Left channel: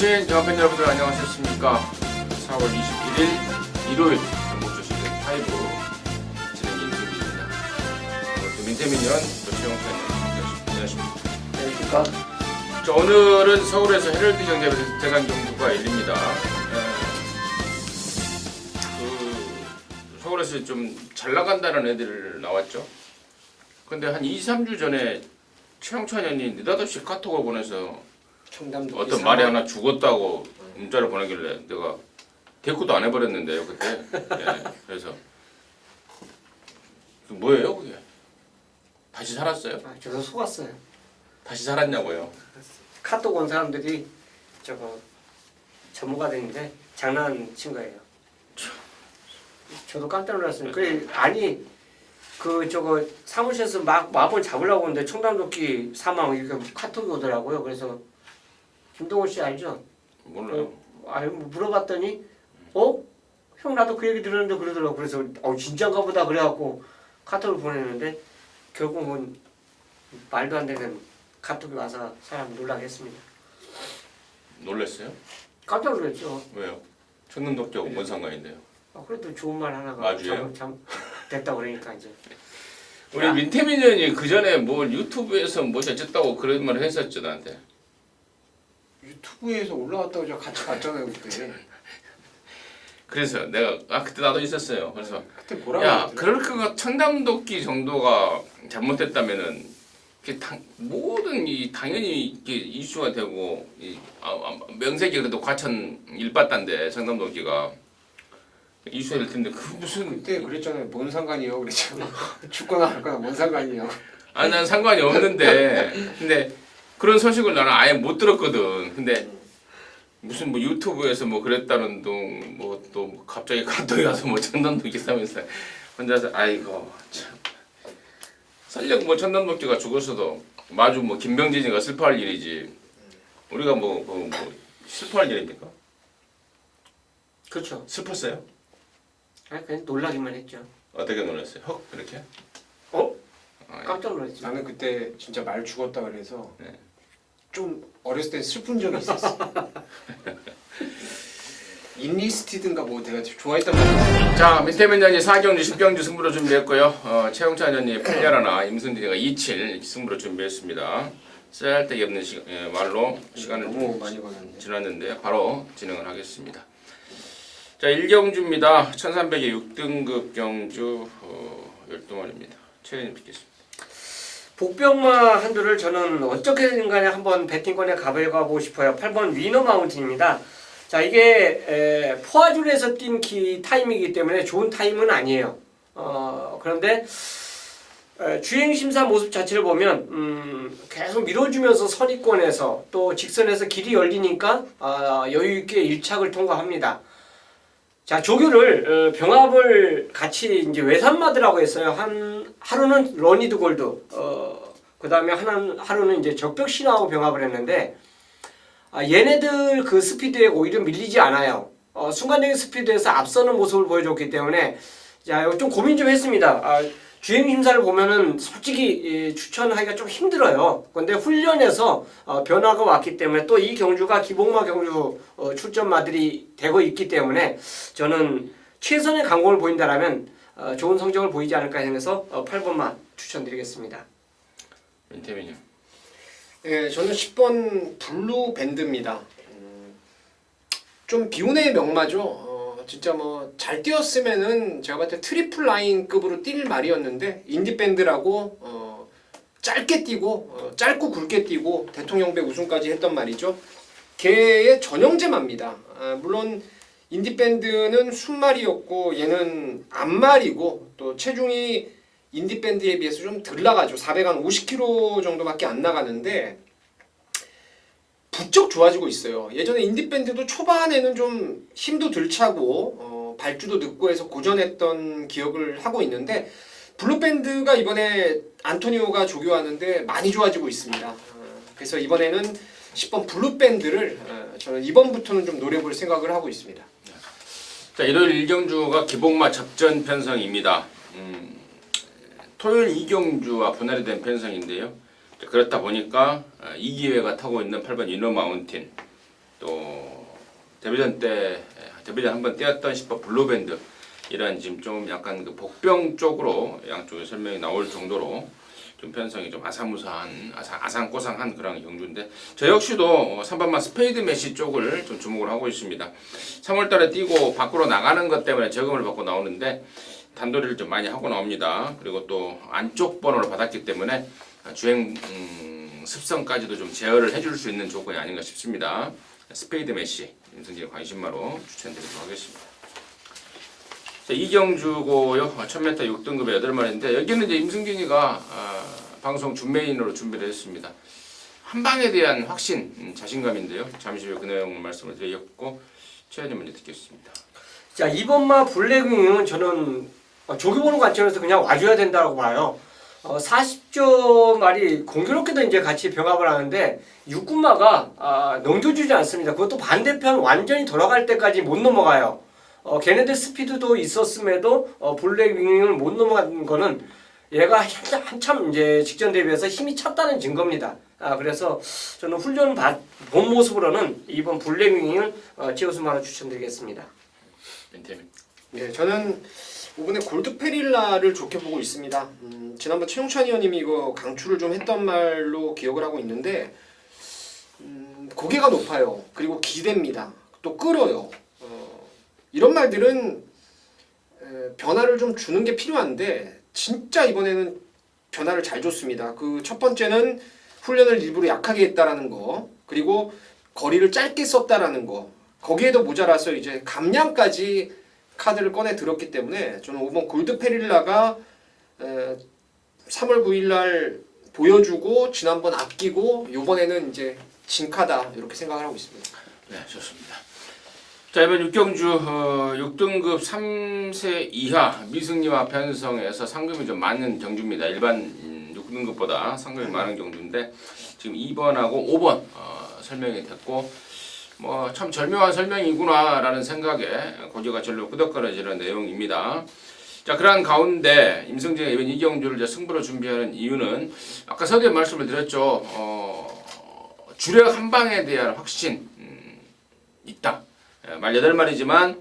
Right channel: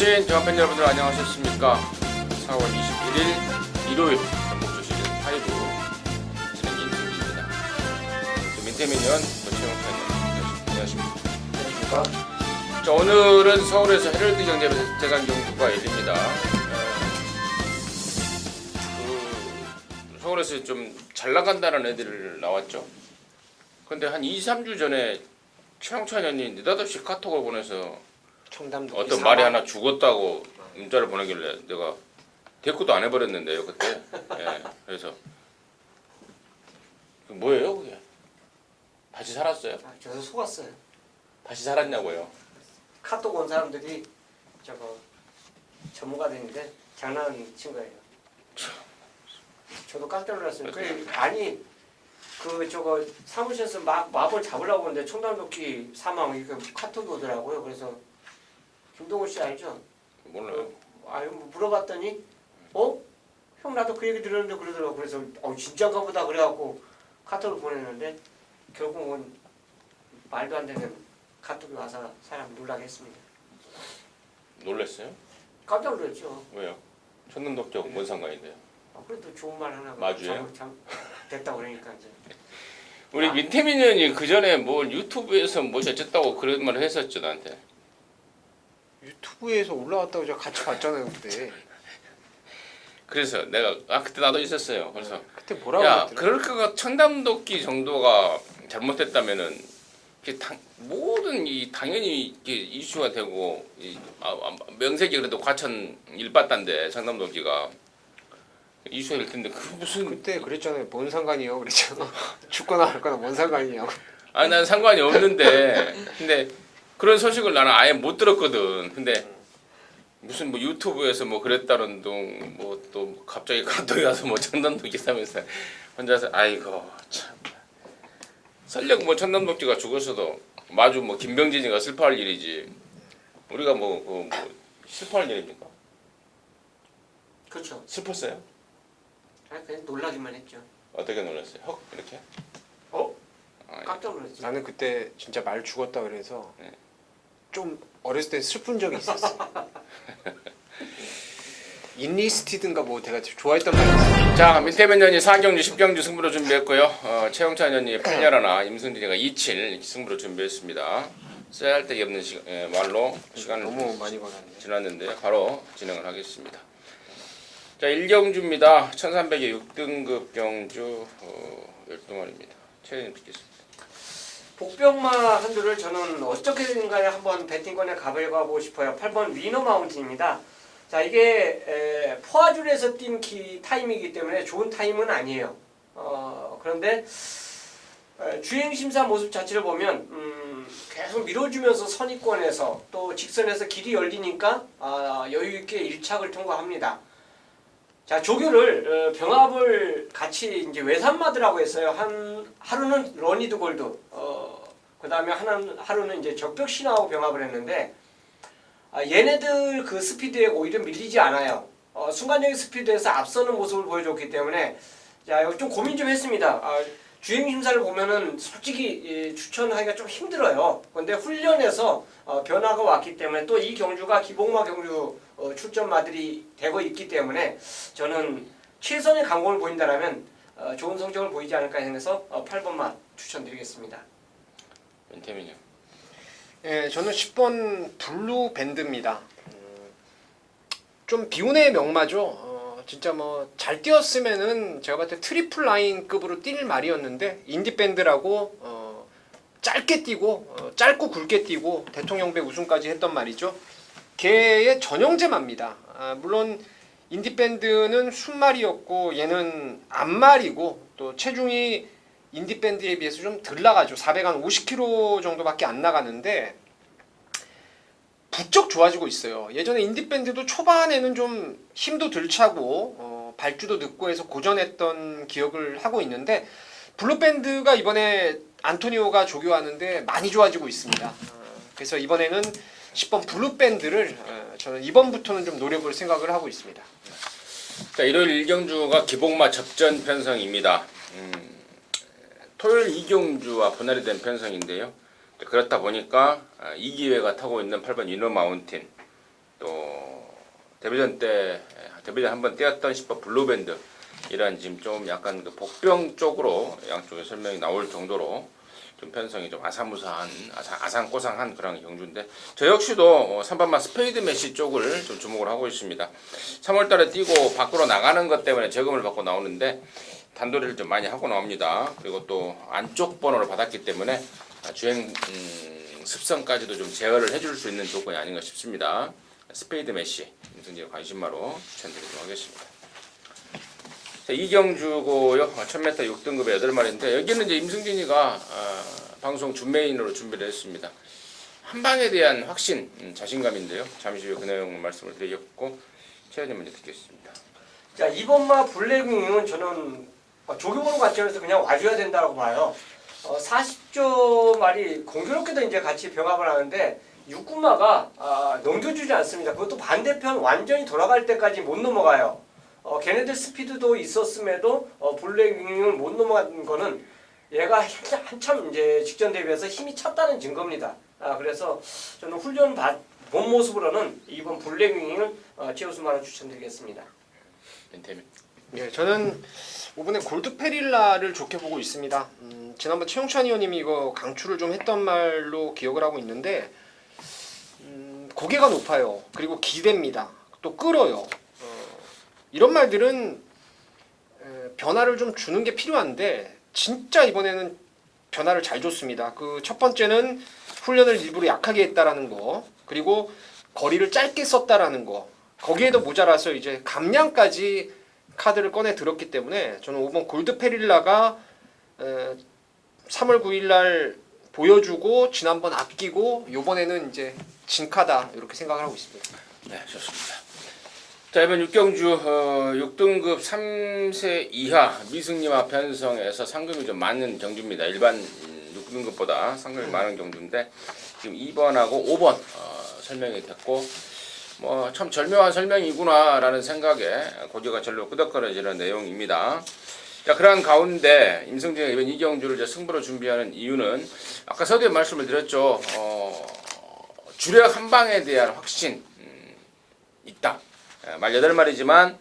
주신 영화팬 여러분들 안녕하셨습니까? 4월 29일 일요일 주신 타이브 진행 인터뷰입니다. 민태민연 안녕하십니까? 자, 오늘은 서울에서 헤럴드 경제대관 연구가 열립니다. 서울에서 좀 잘 나간다는 애들 나왔죠. 근데 한 2-3주 전에 최영찬 의원이 느닷없이 카톡을 보내서 어떤 말이 하나 죽었다고 문자를 보내길래 내가 대꾸도 안 해버렸는데요 그때. 예, 그래서 뭐예요 그게? 다시 살았어요? 저도 속았어요. 다시 살았냐고요? 카톡 온 사람들이 저거 전무가 되는데 장난친 거예요. 저도 깜짝 놀랐어요. 아니 저거 사무실에서 막 마법 잡으려고 하는데 청담도끼 사망 이렇게 카톡이 오더라고요. 그래서 김동훈 씨 알죠? 몰라요. 물어봤더니 형 나도 그 얘기 들었는데 그러더라고. 그래서 진짜인가 보다 그래갖고 카톡을 보냈는데 결국은 말도 안 되는 카톡이 와서 사람 놀라게 했습니다. 놀랬어요? 깜짝 놀랐죠. 왜요? 청담독자하고 뭔 상관인데요? 그래도 좋은 말 하나가 맞아요? 참 됐다 그러니까 이제. 우리 민태민 의원이 그 전에 뭐 유튜브에서 뭐 어쨌다고 그런 말 했었죠 나한테. 유튜브에서 올라왔다고 제가 같이 봤잖아요 그때. 그래서 내가 그때 나도 있었어요. 그래서 그때 뭐라고 야 하더라? 그렇게 청담도끼 정도가 잘못됐다면은 모든 당연히 이게 이슈가 되고 명색이 그래도 과천 일바다인데 청담도끼가 이슈가 될 텐데 그 무슨 그때 그랬잖아요. 뭔 상관이요 그랬잖아. 죽거나 말거나 뭔 상관이요. 아니 난 상관이 없는데 근데 그런 소식을 나는 아예 못 들었거든. 근데 무슨 뭐 유튜브에서 뭐 그랬다는 둥 뭐 또 갑자기 카톡이 와서 뭐 청담도끼 사면서 혼자서 아이고 참 설령 뭐 청담도끼가 죽었어도 마주 뭐 김병진이가 슬퍼할 일이지 우리가 뭐 슬퍼할 일입니까? 그렇죠. 슬펐어요? 아니 그냥 놀라기만 했죠. 어떻게 놀랐어요? 헉 이렇게? 깜짝 놀랐죠. 나는 그때 진짜 말 죽었다 그래서 네. 좀 어렸을 때 슬픈 적이 있었어. 인리스티드인가 뭐 내가 좋아했던 말. 자, 민태민 의원이 4경주 10경주 승부로 준비했고요. 최영찬 의원이 8열하나 임승진이가 27 승부로 준비했습니다. 쓸데기 없는 말로 시간을 너무 많이 걸렸는데. 지났는데 바로 진행을 하겠습니다. 자, 1경주입니다. 1300의 6등급 경주 열동원입니다. 최현님 뵙겠습니다. 복병마 한두를 저는 어떻게든 간에 한번 배팅권에 가보고 싶어요. 8번 위너 마운틴입니다. 자 이게 포화줄에서 뛴 타임이기 때문에 좋은 타임은 아니에요. 그런데 주행심사 모습 자체를 보면 계속 밀어주면서 선입권에서 또 직선에서 길이 열리니까 여유있게 1착을 통과합니다. 자 조교를 병합을 같이 이제 외산마드라고 했어요. 하루는 러니드 골드, 그 다음에 하루는 이제 적벽신하고 병합을 했는데 얘네들 그 스피드에 오히려 밀리지 않아요. 순간적인 스피드에서 앞서는 모습을 보여줬기 때문에 자 이거 좀 고민 좀 했습니다. 주행 심사를 보면은 솔직히 추천하기가 좀 힘들어요. 근데 훈련에서 변화가 왔기 때문에 또 이 경주가 기복마 경주 출전마들이 되고 있기 때문에 저는 최선의 강공을 보인다라면 좋은 성적을 보이지 않을까 해서 8번만 추천드리겠습니다. 민태민요. 예, 저는 10번 블루 밴드입니다. 좀 비운의 명마죠. 진짜 뭐 잘 뛰었으면은 제가 봤을 때 트리플 라인급으로 뛸 말이었는데 인디 밴드라고 짧게 뛰고 짧고 굵게 뛰고 대통령배 우승까지 했던 말이죠. 걔의 전형제마입니다. 물론 인디 밴드는 순말이었고 얘는 앞말이고 또 체중이 인디 밴드에 비해서 좀 덜 나가죠. 450kg 정도밖에 안 나가는데 부쩍 좋아지고 있어요. 예전에 인디 밴드도 초반에는 좀 힘도 덜 차고 발주도 늦고 해서 고전했던 기억을 하고 있는데 블루 밴드가 이번에 안토니오가 조교하는데 많이 좋아지고 있습니다. 그래서 이번에는 10번 블루 밴드를 저는 이번부터는 좀 노려볼 생각을 하고 있습니다. 자, 일요일 1경주가 기복마 접전 편성입니다. 토요일 2경주와 분할이 된 편성인데요. 그렇다 보니까 이기회가 타고 있는 8번 이너 마운틴 또 데뷔전 한번 떼었던 10번 블루밴드 이런 지금 좀 약간 그 복병 쪽으로 양쪽에 설명이 나올 정도로 좀 편성이 좀 아상꼬상한 그런 경주인데 저 역시도 3번마 스페이드 메시 쪽을 좀 주목을 하고 있습니다. 3월달에 뛰고 밖으로 나가는 것 때문에 저금을 받고 나오는데 단도리를 좀 많이 하고 나옵니다. 그리고 또 안쪽 번호를 받았기 때문에 주행 습성까지도 좀 제어를 해줄 수 있는 조건이 아닌가 싶습니다. 스페이드 메시 임승진의 관심마로 추천드리도록 하겠습니다. 자, 이경주고요. 1000m 6등급의 8마리인데 여기는 이제 임승진이가 방송 준메인으로 준비를 했습니다. 한방에 대한 확신, 자신감인데요. 잠시 후에 그 내용 말씀을 드리겠고 최현님 먼저 듣겠습니다. 자, 이번마 블랙윙은 저는 조기보는 관점에서 그냥 와줘야 된다고 봐요. 40조 말이 공교롭게도 이제 같이 병합을 하는데 육군마가 넘겨주지 않습니다. 그것도 반대편 완전히 돌아갈 때까지 못 넘어가요. 걔네들 스피드도 있었음에도 블랙윙을 못 넘어간 거는 얘가 한참 이제 직전 대비해서 힘이 찼다는 증거입니다. 그래서 저는 훈련 본 모습으로는 이번 블랙윙을 제우스마로 추천드리겠습니다. 네, 저는 이번에 골드페릴라를 좋게 보고 있습니다. 지난번 최용찬 의원님이 이거 강추를 좀 했던 말로 기억을 하고 있는데 고개가 높아요. 그리고 기대입니다. 또 끌어요. 이런 말들은 변화를 좀 주는 게 필요한데 진짜 이번에는 변화를 잘 줬습니다. 그 첫 번째는 훈련을 일부러 약하게 했다라는 거, 그리고 거리를 짧게 썼다라는 거, 거기에도 모자라서 이제 감량까지 카드를 꺼내 들었기 때문에 저는 5번 골드페릴라가 3월 9일날 보여주고 지난번 아끼고 이번에는 이제 진카다 이렇게 생각을 하고 있습니다. 네, 좋습니다. 자, 이번 육경주 6등급 3세 이하 미승리와 편성에서 상금이 좀 많은 경주입니다. 일반 6등급보다 상금이 많은 경주인데 지금 2번하고 5번 설명이 됐고 뭐 참 절묘한 설명이구나라는 생각에 고개가 절로 끄덕거려지는 내용입니다. 자, 그러한 가운데 임승진이 이번 이경주를 이제 승부로 준비하는 이유는 아까 서두에 말씀을 드렸죠. 주력 한 방에 대한 확신 있다. 말 8마리지만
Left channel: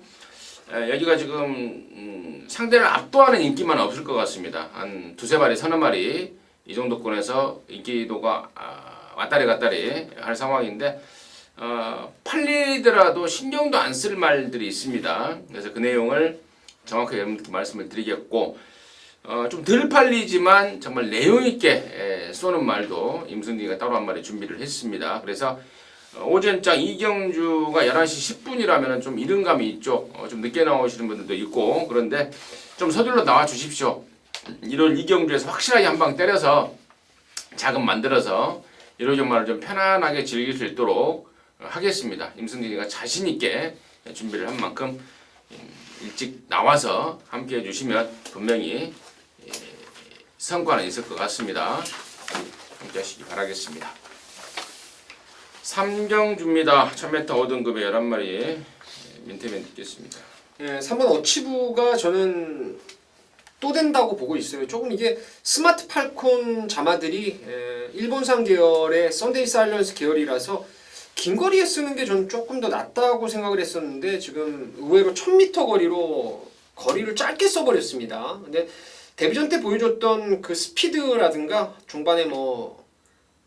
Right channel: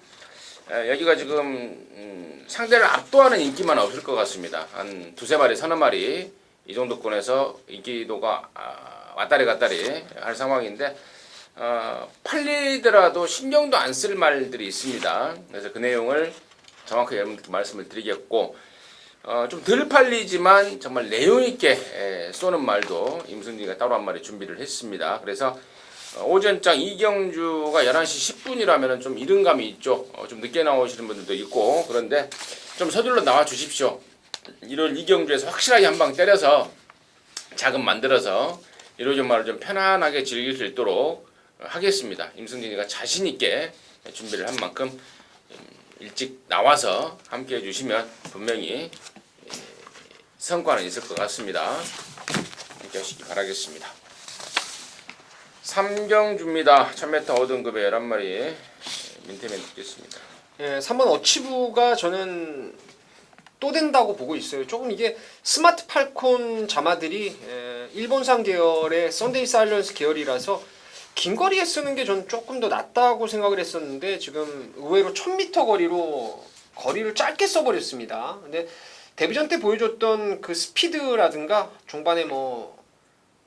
여기가 지금 상대를 압도하는 인기만 없을 것 같습니다. 한 2-3마리, 3마리 이 정도권에서 인기도가 왔다리 갔다리 할 상황인데 팔리더라도 신경도 안 쓸 말들이 있습니다. 그래서 그 내용을 정확하게 여러분들께 말씀을 드리겠고 좀 덜 팔리지만 정말 내용 있게 쏘는 말도 임승진이가 따로 한 마리 준비를 했습니다. 그래서 오전장 이경주가 11시 10분이라면 좀 이른 감이 있죠. 좀 늦게 나오시는 분들도 있고 그런데 좀 서둘러 나와 주십시오. 이런 이경주에서 확실하게 한 방 때려서 자금 만들어서 이러한 말을 좀 편안하게 즐길 수 있도록 하겠습니다. 임승진이가 자신 있게 준비를 한 만큼 일찍 나와서 함께 해주시면 분명히 성과는 있을 것 같습니다. 함께 하시기 바라겠습니다. 삼경주입니다. 1000m 5등급의 11마리 민태면 듣겠습니다. 네, 3번 어치부가 저는 또 된다고 보고 있어요. 조금 이게 스마트 팔콘 자마들이 일본산 계열의 썬데이 사일런스 계열이라서 긴 거리에 쓰는 게 저는 조금 더 낫다고 생각을 했었는데 지금 의외로 1000m 거리로 거리를 짧게 써버렸습니다. 근데 데뷔전 때 보여줬던 그 스피드라든가 종반에 뭐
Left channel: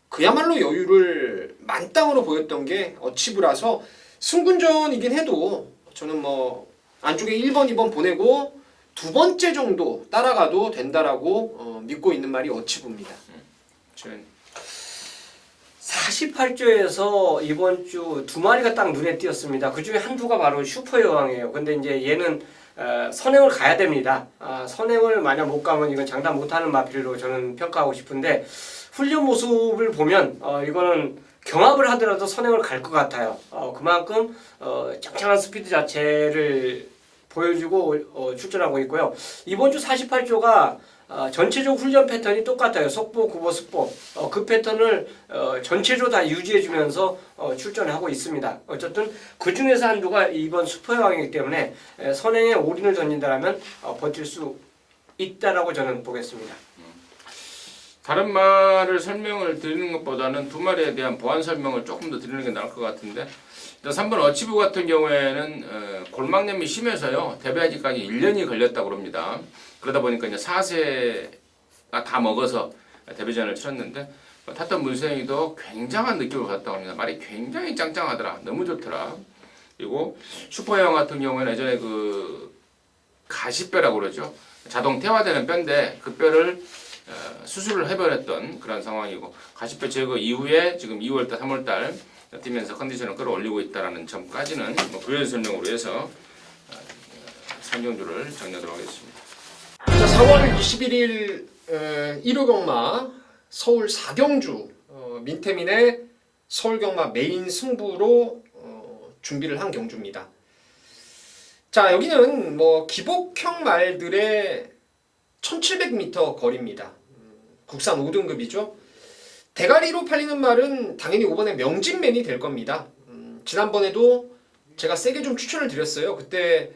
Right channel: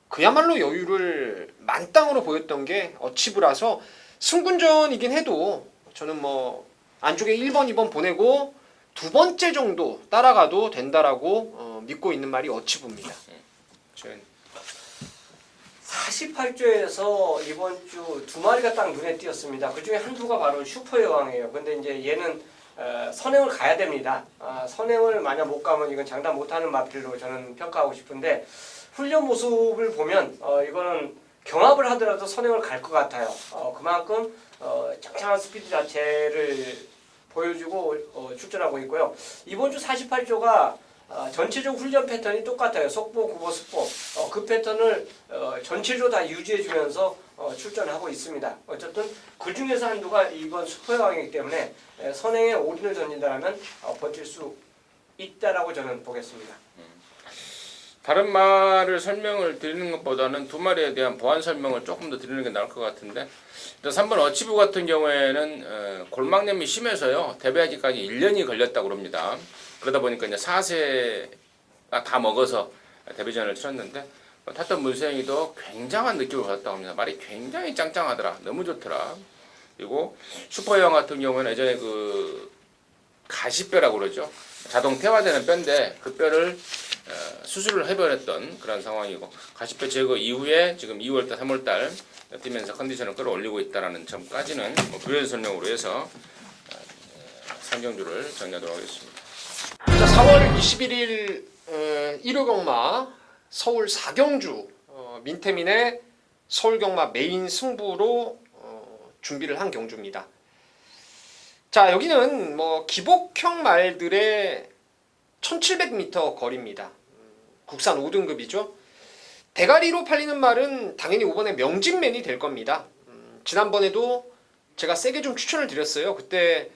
그야말로 여유를 만땅으로 보였던 게 어치브라서 승분전이긴 해도 저는 뭐 안쪽에 1번, 2번 보내고 두 번째 정도 따라가도 된다라고 믿고 있는 말이 어치브입니다. 48조에서 이번 주 2마리가 딱 눈에 띄었습니다. 그 중에 한두가 바로 슈퍼 여왕이에요. 근데 이제 얘는 선행을 가야 됩니다. 선행을 만약 못 가면 이건 장담 못하는 마필로 저는 평가하고 싶은데 훈련 모습을 보면 이거는 경합을 하더라도 선행을 갈 것 같아요. 그만큼 짱짱한 스피드 자체를 보여주고 출전하고 있고요. 이번 주 48조가 전체적 훈련 패턴이 똑같아요. 속보, 구보, 숙보 그 패턴을 전체적으로 다 유지해주면서 출전하고 있습니다. 어쨌든 그 중에서 한두가 이번 슈퍼여왕이기 때문에 선행에 올인을 던진다면 버틸 수 있다라고 저는 보겠습니다. 다른 말을 설명을 드리는 것보다는 두 마리에 대한 보완 설명을 조금 더 드리는 게 나을 것 같은데, 일단 3번 어치브 같은 경우에는 골막염이 심해서요 대배아지까지 1년이 걸렸다고 합니다. 그러다 보니까 이제 4세가 다 먹어서 데뷔전을 치렀는데, 탔던 문세영이도 굉장한 느낌을 받았다고 합니다. 말이 굉장히 짱짱하더라. 너무 좋더라. 그리고 슈퍼형 같은 경우에는 예전에 그 가시뼈라고 그러죠. 자동 태화되는 뼈인데 그 뼈를 수술을 해버렸던 그런 상황이고, 가시뼈 제거 이후에 지금 2월달, 3월달 뛰면서 컨디션을 끌어올리고 있다는 점까지는 뭐 그런 설명으로 해서 상경주를 정리하도록 하겠습니다. 4월 21일 1호 경마 서울 4경주 민태민의 서울 경마 메인 승부로 준비를 한 경주입니다. 자, 여기는 뭐 기복형 말들의 1700m 거리입니다. 국산 5등급이죠. 대가리로 팔리는 말은 당연히 이번에 명진맨이 될 겁니다. 지난번에도 제가 세게 좀 추천을 드렸어요. 그때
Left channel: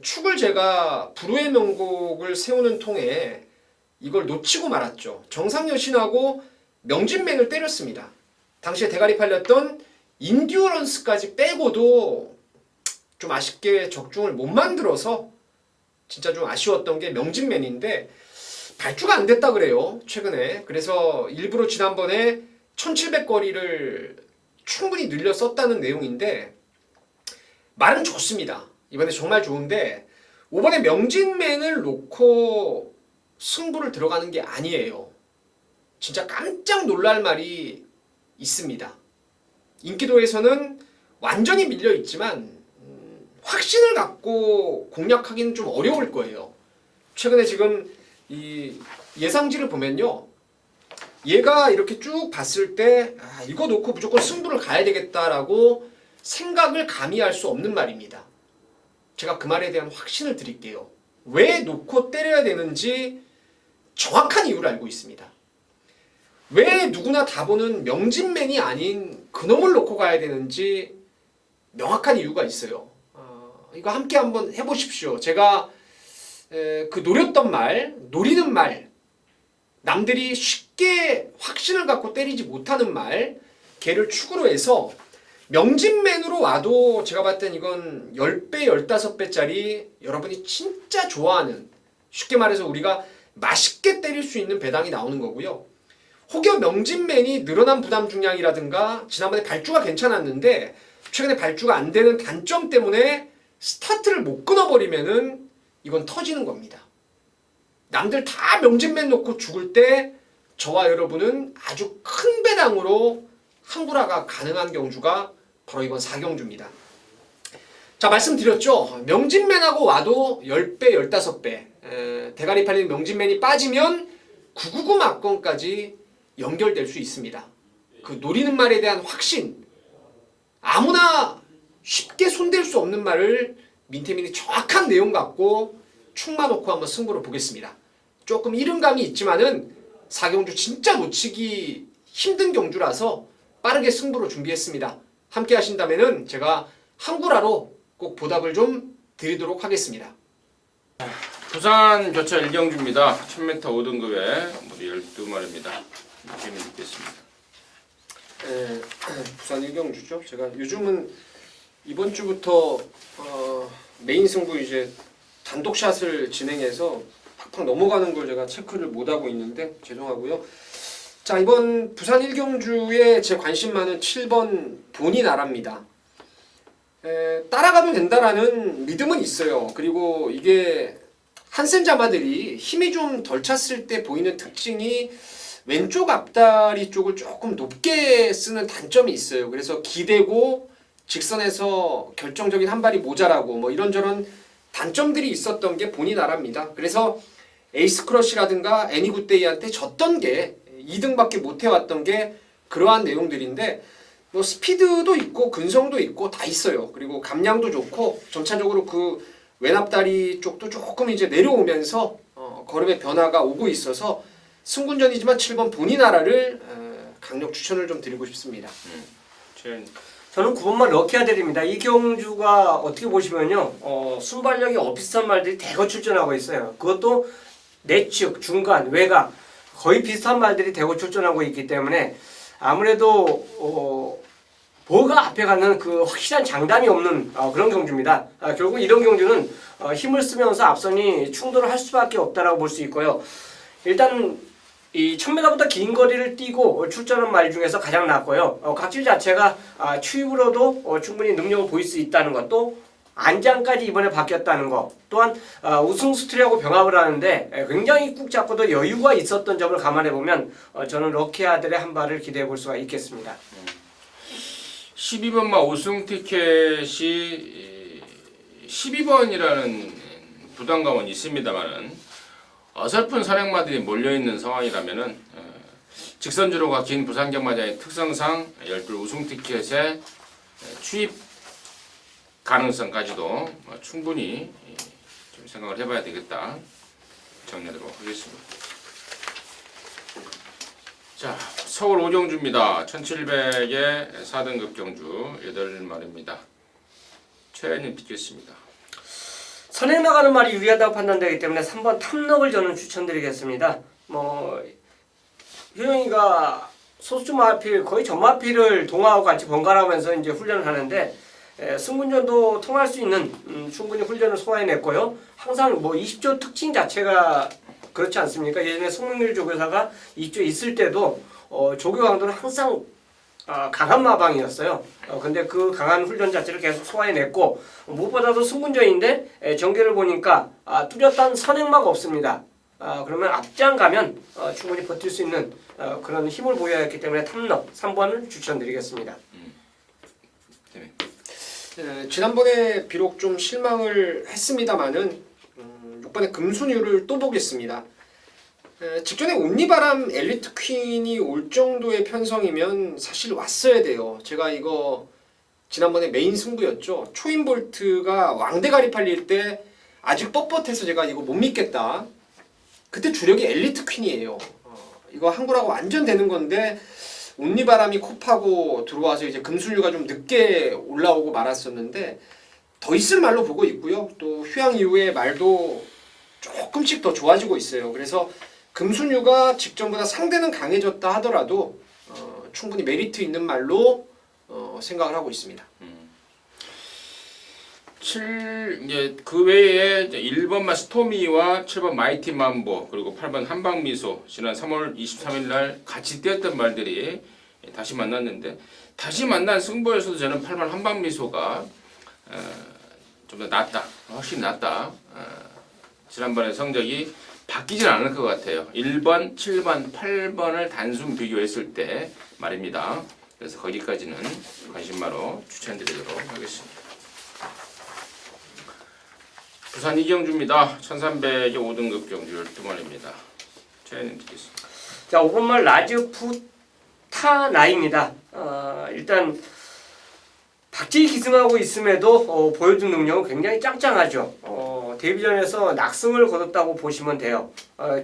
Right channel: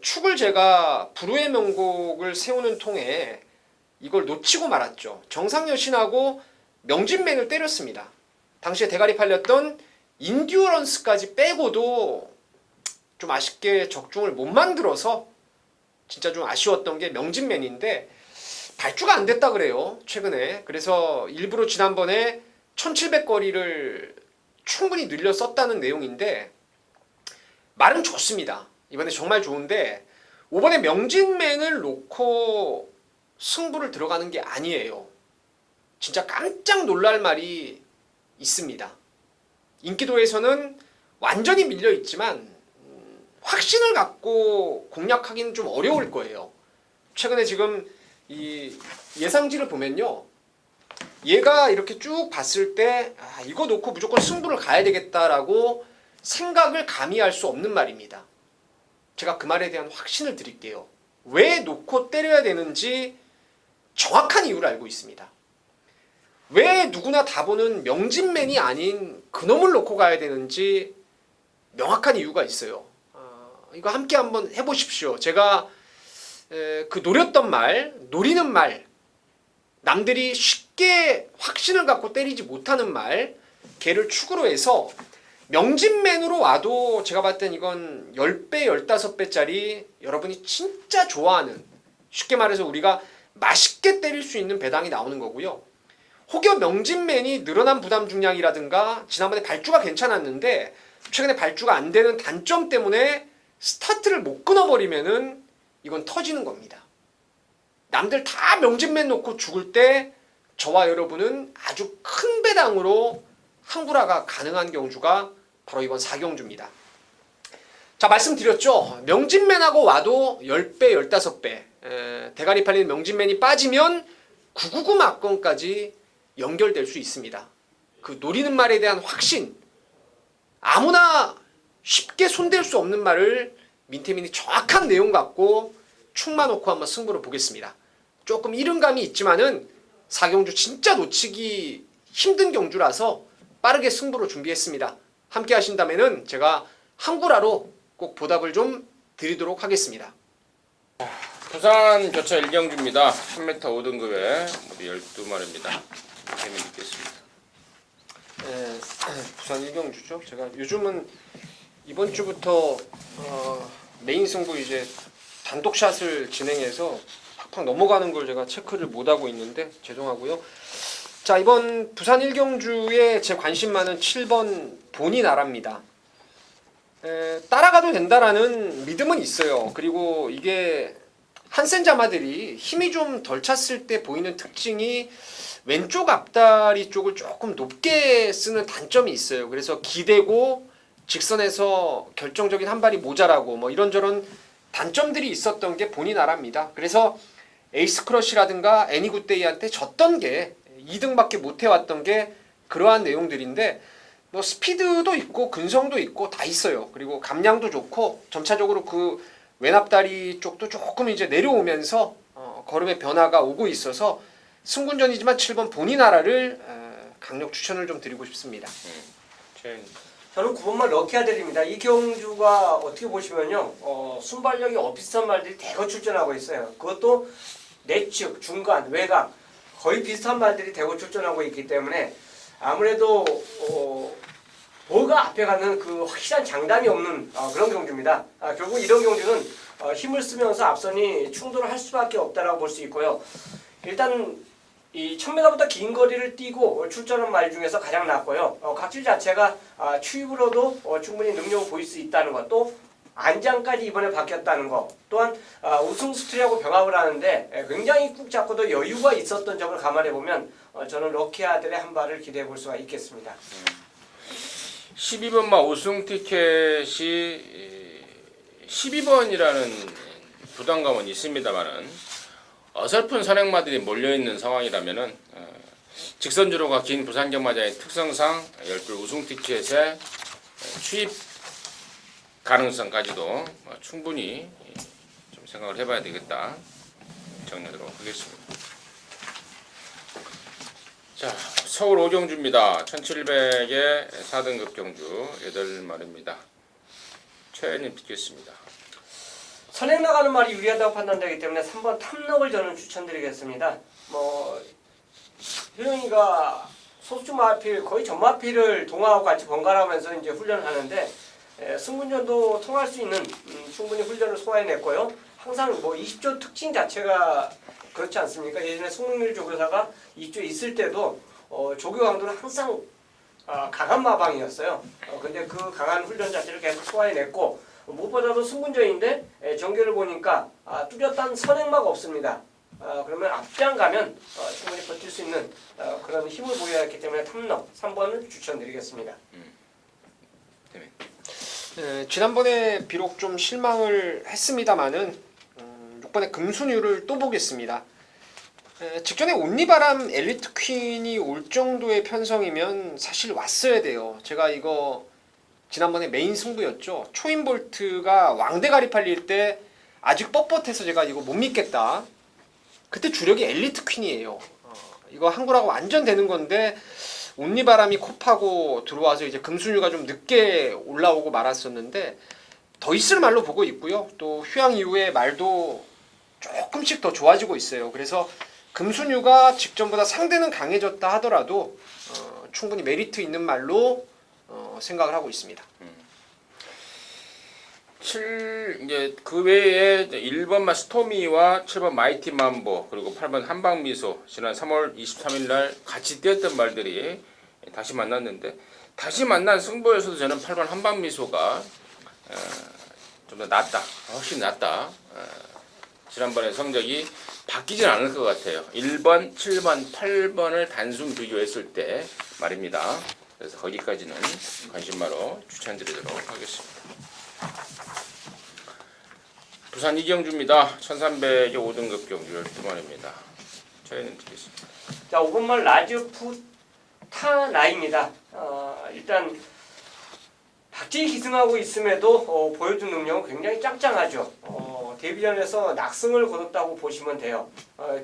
축을 제가 불후의 명곡을 세우는 통에 이걸 놓치고 말았죠. 정상여신하고 명진맨을 때렸습니다. 당시에 대가리 팔렸던 인듀어런스까지 빼고도 좀 아쉽게 적중을 못 만들어서 진짜 좀 아쉬웠던 게 명진맨인데, 발주가 안 됐다 그래요 최근에. 그래서 일부러 지난번에 1700거리를 충분히 늘려 썼다는 내용인데, 말은 좋습니다. 이번에 정말 좋은데 이번에 명진맨을 놓고 승부를 들어가는 게 아니에요. 진짜 깜짝 놀랄 말이 있습니다. 인기도에서는 완전히 밀려 있지만 확신을 갖고 공략하기는 좀 어려울 거예요. 최근에 지금 이 예상지를 보면요, 얘가 이렇게 쭉 봤을 때 이거 놓고 무조건 승부를 가야 되겠다라고 생각을 감히 할 수 없는 말입니다. 제가 그 말에 대한 확신을 드릴게요. 왜 놓고 때려야 되는지 정확한 이유를 알고 있습니다. 왜 누구나 다 보는 명진맨이 아닌 그놈을 놓고 가야 되는지 명확한 이유가 있어요. 이거 함께 한번 해보십시오. 제가 그 노렸던 말, 노리는 말, 남들이 쉽게 확신을 갖고 때리지 못하는 말, 걔를 축으로 해서 명진맨으로 와도 제가 봤을 땐 이건 10배, 15배짜리 여러분이 진짜 좋아하는, 쉽게 말해서 우리가 맛있게 때릴 수 있는 배당이 나오는 거고요. 혹여 명진맨이 늘어난 부담 중량이라든가 지난번에 발주가 괜찮았는데 최근에 발주가 안 되는 단점 때문에 스타트를 못 끊어버리면은 이건 터지는 겁니다. 남들 다 명진맨 놓고 죽을 때 저와 여러분은 아주 큰 배당으로 항구라가 가능한 경주가 바로 이번 4경주입니다. 자, 말씀드렸죠. 명진맨하고 와도 10배, 15배 대가리 팔리는 명진맨이 빠지면 999 막건까지 연결될 수 있습니다. 그 노리는 말에 대한 확신, 아무나 쉽게 손댈 수 없는 말을 민태민이 정확한 내용 갖고 축만 놓고 한번 승부를 보겠습니다. 조금 이른감이 있지만은 4경주 진짜 놓치기 힘든 경주라서 빠르게 승부로 준비했습니다. 함께 하신다면은 제가 항구라로 꼭 보답을 좀 드리도록 하겠습니다. 부산 교차 1경주입니다. 1000m 5등급에 모두 12마리입니다. 재미있겠습니다. 네, 부산 1경주죠. 제가 요즘은 이번 주부터 메인 승부 이제 단독샷을 진행해서 팍팍 넘어가는 걸 제가 체크를 못하고 있는데 죄송하고요. 자, 이번 부산 1경주에 제 관심 많은 7번 본이 나라입니다. 따라가도 된다라는 믿음은 있어요. 그리고 이게 한센 자마들이 힘이 좀 덜 찼을 때 보이는 특징이 왼쪽 앞다리 쪽을 조금 높게 쓰는 단점이 있어요. 그래서 기대고 직선에서 결정적인 한 발이 모자라고 뭐 이런저런 단점들이 있었던 게 본인 나라입니다. 그래서 에이스 크러쉬라든가 애니굿데이한테 졌던 게 2등밖에 못 해왔던 게 그러한 내용들인데, 뭐 스피드도 있고 근성도 있고 다 있어요. 그리고 감량도 좋고 점차적으로 그 왼앞다리 쪽도 조금 이제 내려오면서 걸음의 변화가 오고 있어서 승군전이지만 7번 본인 나라를 강력 추천을 좀 드리고 싶습니다. 저는 9번만 럭키아들입니다. 이 경주가 어떻게 보시면요, 순발력이 비슷한 말들이 대거 출전하고 있어요. 그것도 내측, 중간, 외곽 거의 비슷한 말들이 대거 출전하고 있기 때문에 아무래도 보가 앞에 가는 그 확실한 장단이 없는 그런 경주입니다. 결국 이런 경주는 힘을 쓰면서 앞선이 충돌을 할 수밖에 없다라고 볼 수 있고요. 일단 이 1000m보다 긴 거리를 뛰고 출전한 말 중에서 가장 낫고요. 각질 자체가 추입으로도 충분히 능력을 보일 수 있다는 것도 안장까지 이번에 바뀌었다는 것 또한 우승 스트리하고 병합을 하는데 굉장히 꾹 잡고도 여유가 있었던 점을 감안해 보면 저는 럭키아들의 한 발을 기대해 볼 수가 있겠습니다. 12번마 우승 티켓이 12번이라는 부담감은 있습니다만은 어설픈 선행마들이 몰려있는 상황이라면은 직선주로가 긴 부산 경마장의 특성상 10불 우승 티켓의 추입 가능성까지도 충분히 좀 생각을 해봐야 되겠다 정리하도록 하겠습니다. 자, 서울 오정주입니다. 1700의 4등급 경주 8마리입니다. 최현님 듣겠습니다. 선행 나가는 말이 유리하다고 판단되기 때문에 3번 탐럭을 저는 추천드리겠습니다. 효영이가 소수 마필 거의 전마필을 동화하고 같이 번갈아가면서 이제 훈련을 하는데 승분전도 통할 수 있는 충분히 훈련을 소화해냈고요. 항상 20조 특징 자체가 그렇지 않습니까? 예전에 송민길 조교사가 2조 있을 때도 조교 강도는 항상 강한 마방이었어요. 근데 그 강한 훈련 자체를 계속 소화해냈고 무엇보다도 승분전인데 전개를 보니까 뚜렷한 선행마가 없습니다. 그러면 앞장 가면 충분히 버틸 수 있는 그런 힘을 보여야 했기 때문에 탐럭 3번을 추천드리겠습니다. 지난번에 비록 좀 실망을 했습니다만은 6번에 금순유를 또 보겠습니다. 직전에 온리바람 엘리트 퀸이 올 정도의 편성이면 사실 왔어야 돼요. 제가 이거 지난번에 메인 승부였죠. 초인볼트가 왕대가리 팔릴 때 아직 뻣뻣해서 제가 이거 못 믿겠다. 그때 주력이 엘리트 퀸이에요. 이거 한구라고 완전 되는 건데 온리바람이 코 파고 들어와서 이제 금순유가 좀 늦게 올라오고 말았었는데 더 있을 말로 보고 있고요. 또 휴양 이후에 말도 조금씩 더 좋아지고 있어요. 그래서 금순유가 직전보다 상대는 강해졌다 하더라도 충분히 메리트 있는 말로 생각을 하고 있습니다. 7 이제 그 외에 1번마 스토미와 7번 마이티 만보 그리고 8번 한방미소 지난 3월 23일 날 같이 뛰었던 말들이 다시 만났는데 다시 만난 승부에서도 저는 8번 한방미소가 좀 더 낫다. 훨씬 낫다. 지난번에 성적이 바뀌진 않을 것 같아요. 1번, 7번, 8번을 단순 비교했을 때 말입니다. 그래서 거기까지는 관심마로 추천드리도록 하겠습니다. 부산 이경주입니다. 1300의 5등급 경주 12마리입니다. 저희는 듣겠습니다. 자, 5번말 라즈푸타나입니다. 일단 박지희 기승하고 있음에도 보여준 능력은 굉장히 짱짱하죠. 데뷔전에서 낙승을 거뒀다고 보시면 돼요.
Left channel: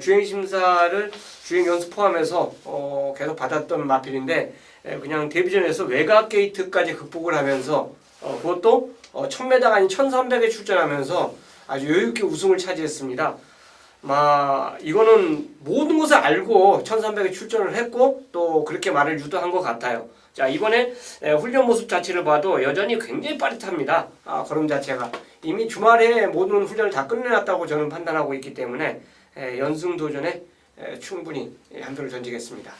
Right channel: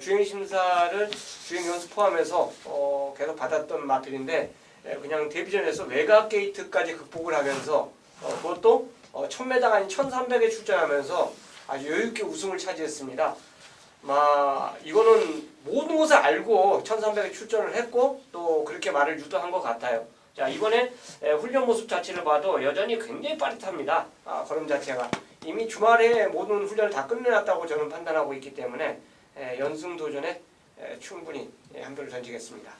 주행 심사를 주행 연습 포함해서 계속 받았던 마필인데 그냥 데뷔전에서 외곽 게이트까지 극복을 하면서 그것도 1000m가 아닌 1300에 출전하면서 아주 여유있게 우승을 차지했습니다. 이거는 모든 것을 알고 1300에 출전을 했고 또 그렇게 말을 유도한 것 같아요. 자, 이번에 훈련 모습 자체를 봐도 여전히 굉장히 빠릿합니다. 걸음 자체가 이미 주말에 모든 훈련을 다 끝내놨다고 저는 판단하고 있기 때문에 연승 도전에 충분히 한 표를 던지겠습니다.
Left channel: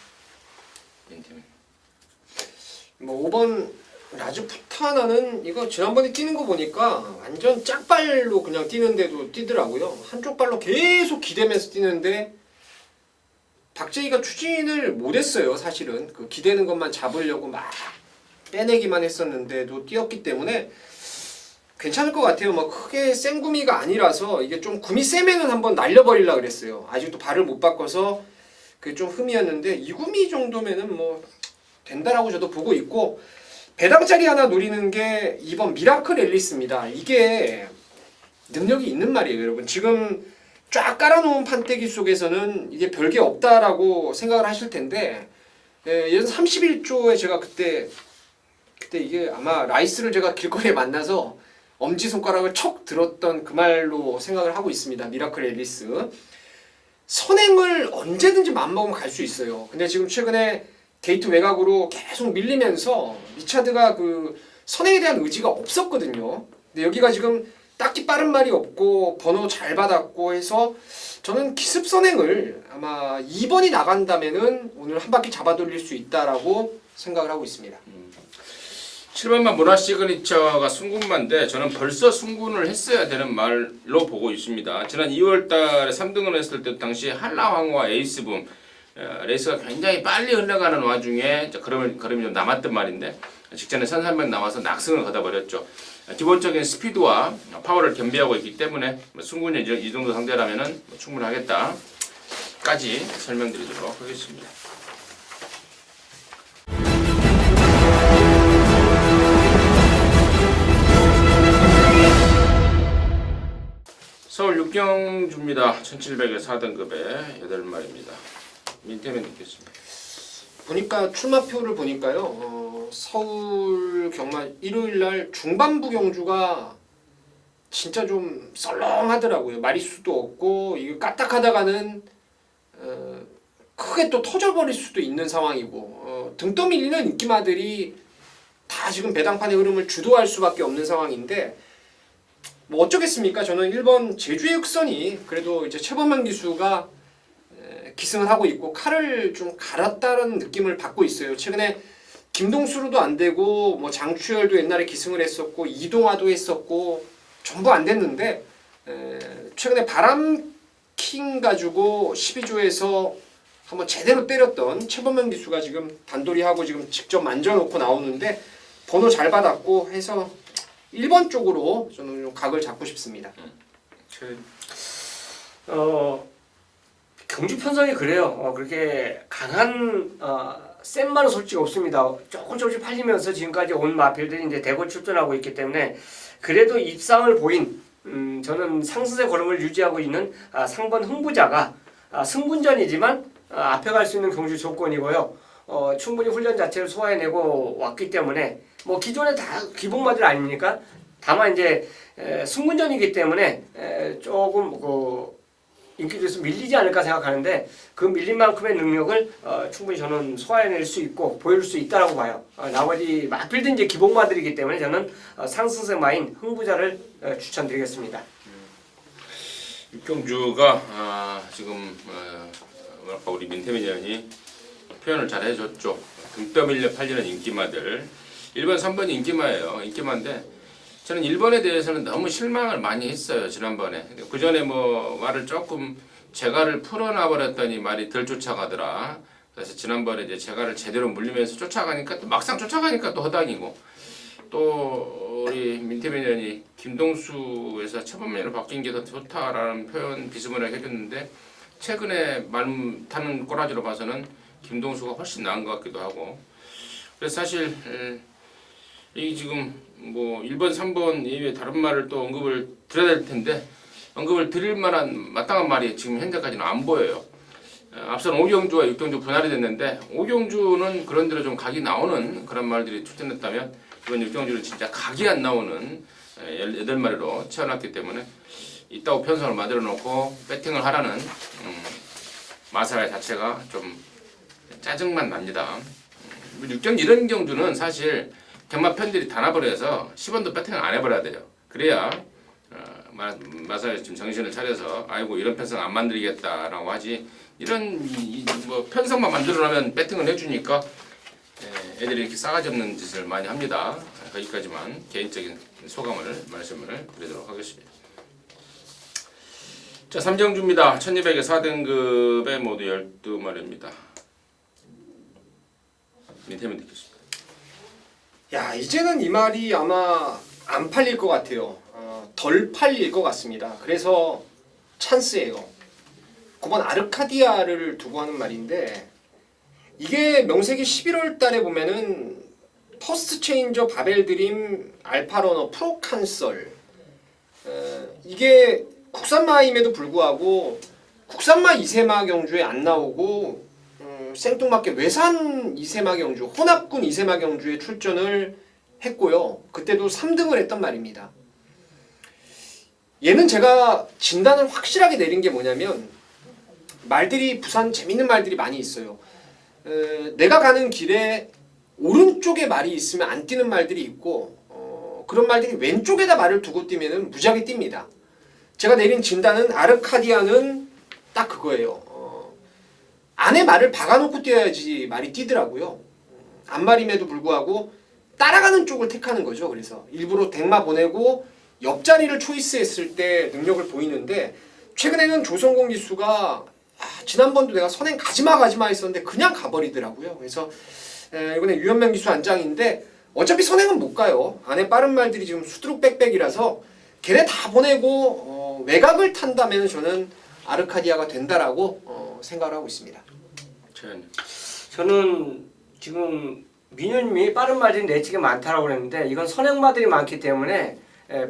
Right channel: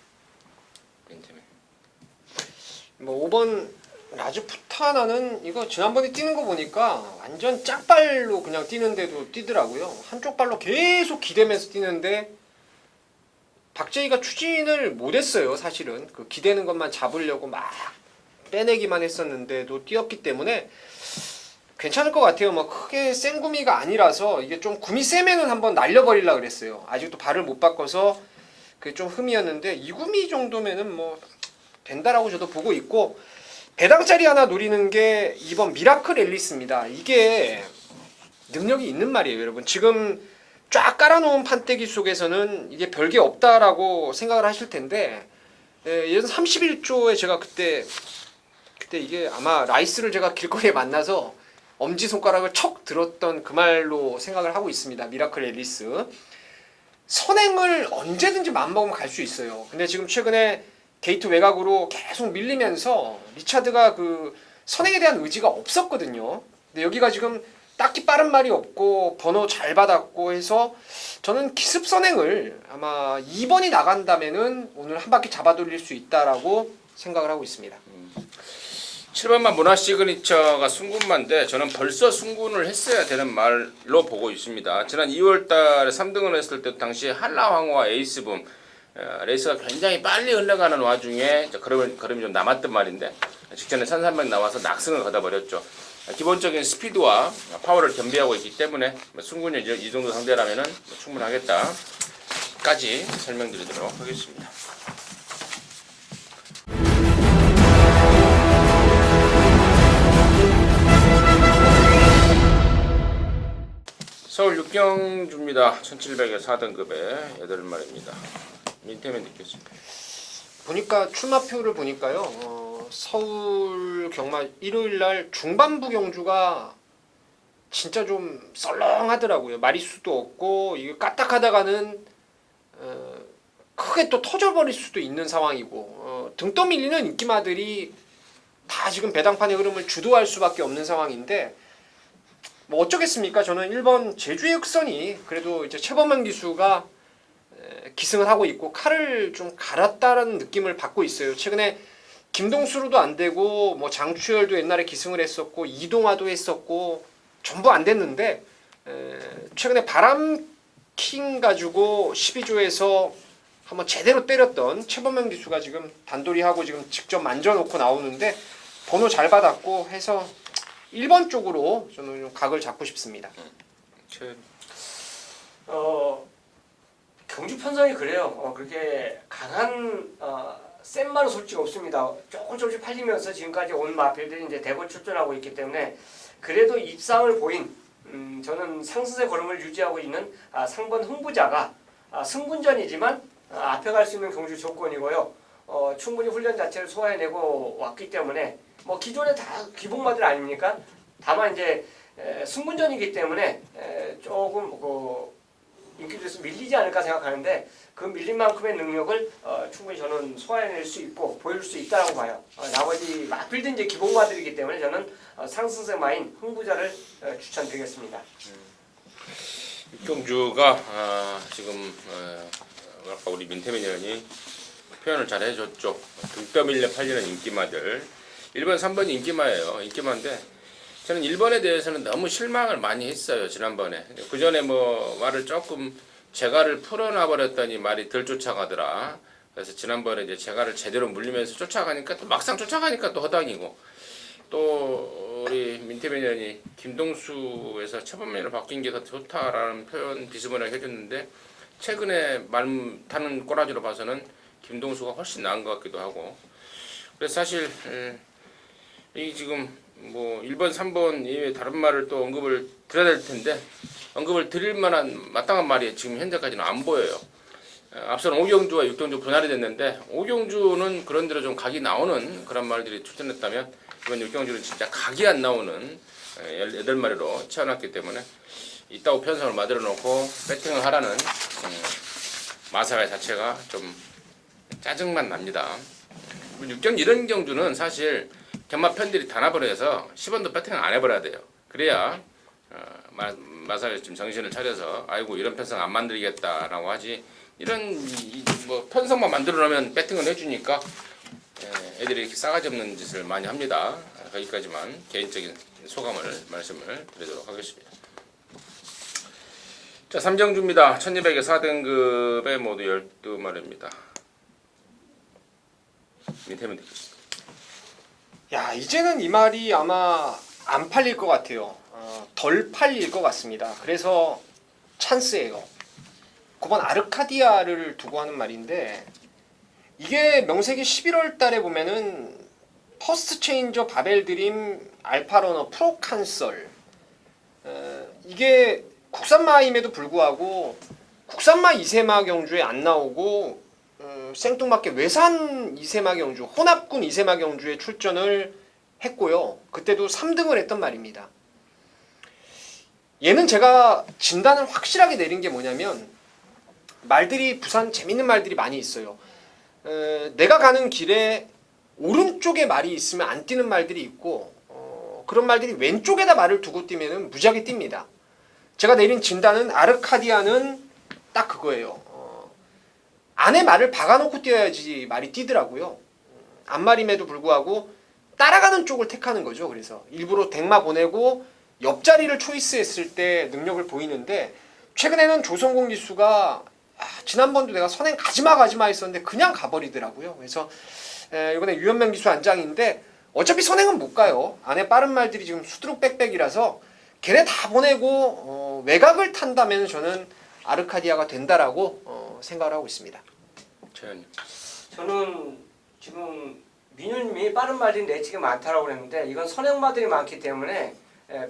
5번 라즈푸타나는 이거 지난번에 뛰는 거 보니까 완전 짝발로 그냥 뛰는데도 뛰더라고요. 한쪽 발로 계속 기대면서 뛰는데 박재희가 추진을 못했어요. 사실은 그 기대는 것만 잡으려고 막 빼내기만 했었는데도 뛰었기 때문에 괜찮을 것 같아요. 크게 센 구미가 아니라서 이게 좀 구미 세면은 한번 날려버리려고 그랬어요. 아직도 발을 못 바꿔서 그게 좀 흠이었는데 이 구미 정도면은 된다라고 저도 보고 있고 배당짜리 하나 노리는 게 이번 미라클 앨리스입니다. 이게 능력이 있는 말이에요, 여러분. 지금 쫙 깔아놓은 판때기 속에서는 이게 별게 없다라고 생각을 하실 텐데 예전 31조에 제가 그때 이게 아마 라이스를 제가 길거리에 만나서 엄지손가락을 척 들었던 그 말로 생각을 하고 있습니다. 미라클 앨리스. 선행을 1등을 언제든지 마음먹으면 갈 수 있어요. 근데 지금 최근에 게이트 외곽으로 계속 밀리면서 리차드가 그 선행에 대한 의지가 없었거든요. 근데 여기가 지금 딱히 빠른 말이 없고 번호 잘 받았고 해서 저는 기습 선행을 아마 2번이 나간다면은 오늘 한 바퀴 잡아 돌릴 수 있다라고 생각을 하고 있습니다. 7번만 문화 시그니처가 승군마인데 저는 벌써 승군을 했어야 되는 말로 보고 있습니다. 지난 2월달에 3등을 했을 때 당시 한라황호와 에이스붐 레이스가 굉장히 빨리 흘러가는 와중에 걸음이 좀 남았던 말인데 직전에 산산명 나와서 낙승을 거둬버렸죠. 기본적인 스피드와 파워를 겸비하고 있기 때문에 승군이 이 정도 상대라면 충분하겠다까지 설명드리도록 하겠습니다. 서울 육경주입니다. 1700에 4등급에 8마리입니다. 민태면 듣겠습니다. 보니까 출마표를 보니까요. 서울 경마 일요일날 중반부 경주가 진짜 좀 썰렁하더라고요. 마리수도 없고 이게 까딱하다가는 크게 또 터져버릴 수도 있는 상황이고 등 떠밀리는 인기마들이 다 지금 배당판의 흐름을 주도할 수밖에 없는 상황인데 뭐 어쩌겠습니까? 저는 1번 제주의 흑선이 그래도 이제 최범만 기수가 기승을 하고 있고 칼을 좀 갈았다는 느낌을 받고 있어요. 최근에 김동수로도 안 되고 뭐 장추열도 옛날에 기승을 했었고 이동화도 했었고 전부 안 됐는데 최근에 바람킹 가지고 12조에서 한번 제대로 때렸던 최범만 기수가 지금 단도리하고 지금 직접 만져놓고 나오는데 번호 잘 받았고 해서 1번 쪽으로 저는 좀 각을 잡고 싶습니다. 경주 편성이 그래요. 그렇게 강한 센 말은 솔직히 없습니다. 조금씩 팔리면서 지금까지 온 마필들이 이제 대거 출전하고 있기 때문에 그래도 입상을 보인 저는 상승세 걸음을 유지하고 있는 상번 흥부자가 승분전이지만 앞에 갈 수 있는 경주 조건이고요. 충분히 훈련 자체를 소화해내고 왔기 때문에 뭐 기존에 다 기본마들 아닙니까? 다만 이제 승분전이기 때문에 조금 인기도에서 밀리지 않을까 생각하는데 그 밀린 만큼의 능력을 충분히 저는 소화해낼 수 있고 보여줄 수 있다고 봐요. 나머지 마필드 이제 기본마들이기 때문에 저는 상승세마인 흥부자를 추천드리겠습니다. 육경주가 지금 아까 우리 민태민 의원이 표현을 잘 해줬죠. 등 떠밀려 팔리는 인기마들 1번, 3번이 인기마예요. 인기마인데 저는 1번에 대해서는 너무 실망을 많이 했어요. 지난번에. 그 전에 뭐 말을 조금 재갈을 풀어놔 버렸더니 말이 덜 쫓아가더라. 그래서 지난번에 이제 재갈을 제대로 물리면서 쫓아가니까 또 막상 쫓아가니까 또 허당이고 또 우리 민태민 의원이 김동수에서 처번면으로 바뀐 게 더 좋다라는 표현 비스무리하게 해줬는데 최근에 말 타는 꼬라지로 봐서는 김동수가 훨씬 나은 것 같기도 하고 그래서 사실 이 지금 뭐 1번, 3번 이외에 다른 말을 또 언급을 드려야 될 텐데 언급을 드릴 만한 마땅한 말이 지금 현재까지는 안 보여요. 앞선 오경주와 육경주 분할이 됐는데 오경주는 그런대로 좀 각이 나오는 그런 말들이 출전했다면 이번 육경주는 진짜 각이 안 나오는 18마리로 채워놨기 때문에 이따구 편성을 만들어 놓고 배팅을 하라는 마사회 자체가 좀 짜증만 납니다. 육경 이런 경주는 사실 경마 편들이 다 나버려서 10원도 배팅을 안 해버려야 돼요. 그래야 마사회 좀 정신을 차려서 아이고 이런 편성 안 만들겠다라고 하지 이런 뭐 편성만 만들어놓으면 배팅을 해주니까 애들이 이렇게 싸가지 없는 짓을 많이 합니다. 거기까지만 개인적인 소감을 말씀을 드리도록 하겠습니다. 자, 삼정주입니다. 1200에 4등급에 모두 12마리입니다. 밑에면 되겠습니다. 야 이제는 이 말이 아마 안 팔릴 것 같아요. 덜 팔릴 것 같습니다. 그래서 찬스예요. 9번 아르카디아를 두고 하는 말인데 이게 명색이 11월 달에 보면은 퍼스트 체인저 바벨드림 알파러너 프로칸설 이게 국산마임에도 불구하고 국산마 이세마 경주에 안 나오고 생뚱맞게 외산 이세마 경주, 혼합군 이세마 경주에 출전을 했고요. 그때도 3등을 했단 말입니다. 얘는 제가 진단을 확실하게 내린 게 뭐냐면 말들이 부산 재밌는 말들이 많이 있어요. 내가 가는 길에 오른쪽에 말이 있으면 안 뛰는 말들이 있고 그런 말들이 왼쪽에다 말을 두고 뛰면은 무지하게 뜁니다. 제가 내린 진단은 아르카디아는 딱 그거예요. 안에 말을 박아놓고 뛰어야지 말이 뛰더라고요. 앞말임에도 불구하고 따라가는 쪽을 택하는 거죠. 그래서 일부러 댕마 보내고 옆자리를 초이스했을 때 능력을 보이는데 최근에는 조성공 기수가 지난번도 내가 선행 가지마 했었는데 그냥 가버리더라고요. 그래서 이번에 유현명 기수 안장인데 어차피 선행은 못 가요. 안에 빠른 말들이 지금 수두룩 빽빽이라서 걔네 다 보내고 외곽을 탄다면 저는 아르카디아가 된다라고 생각을 하고 있습니다. 저는 지금 민현님이 빠른 말들이 내치게 많다라고 그랬는데 이건 선행마들이 많기 때문에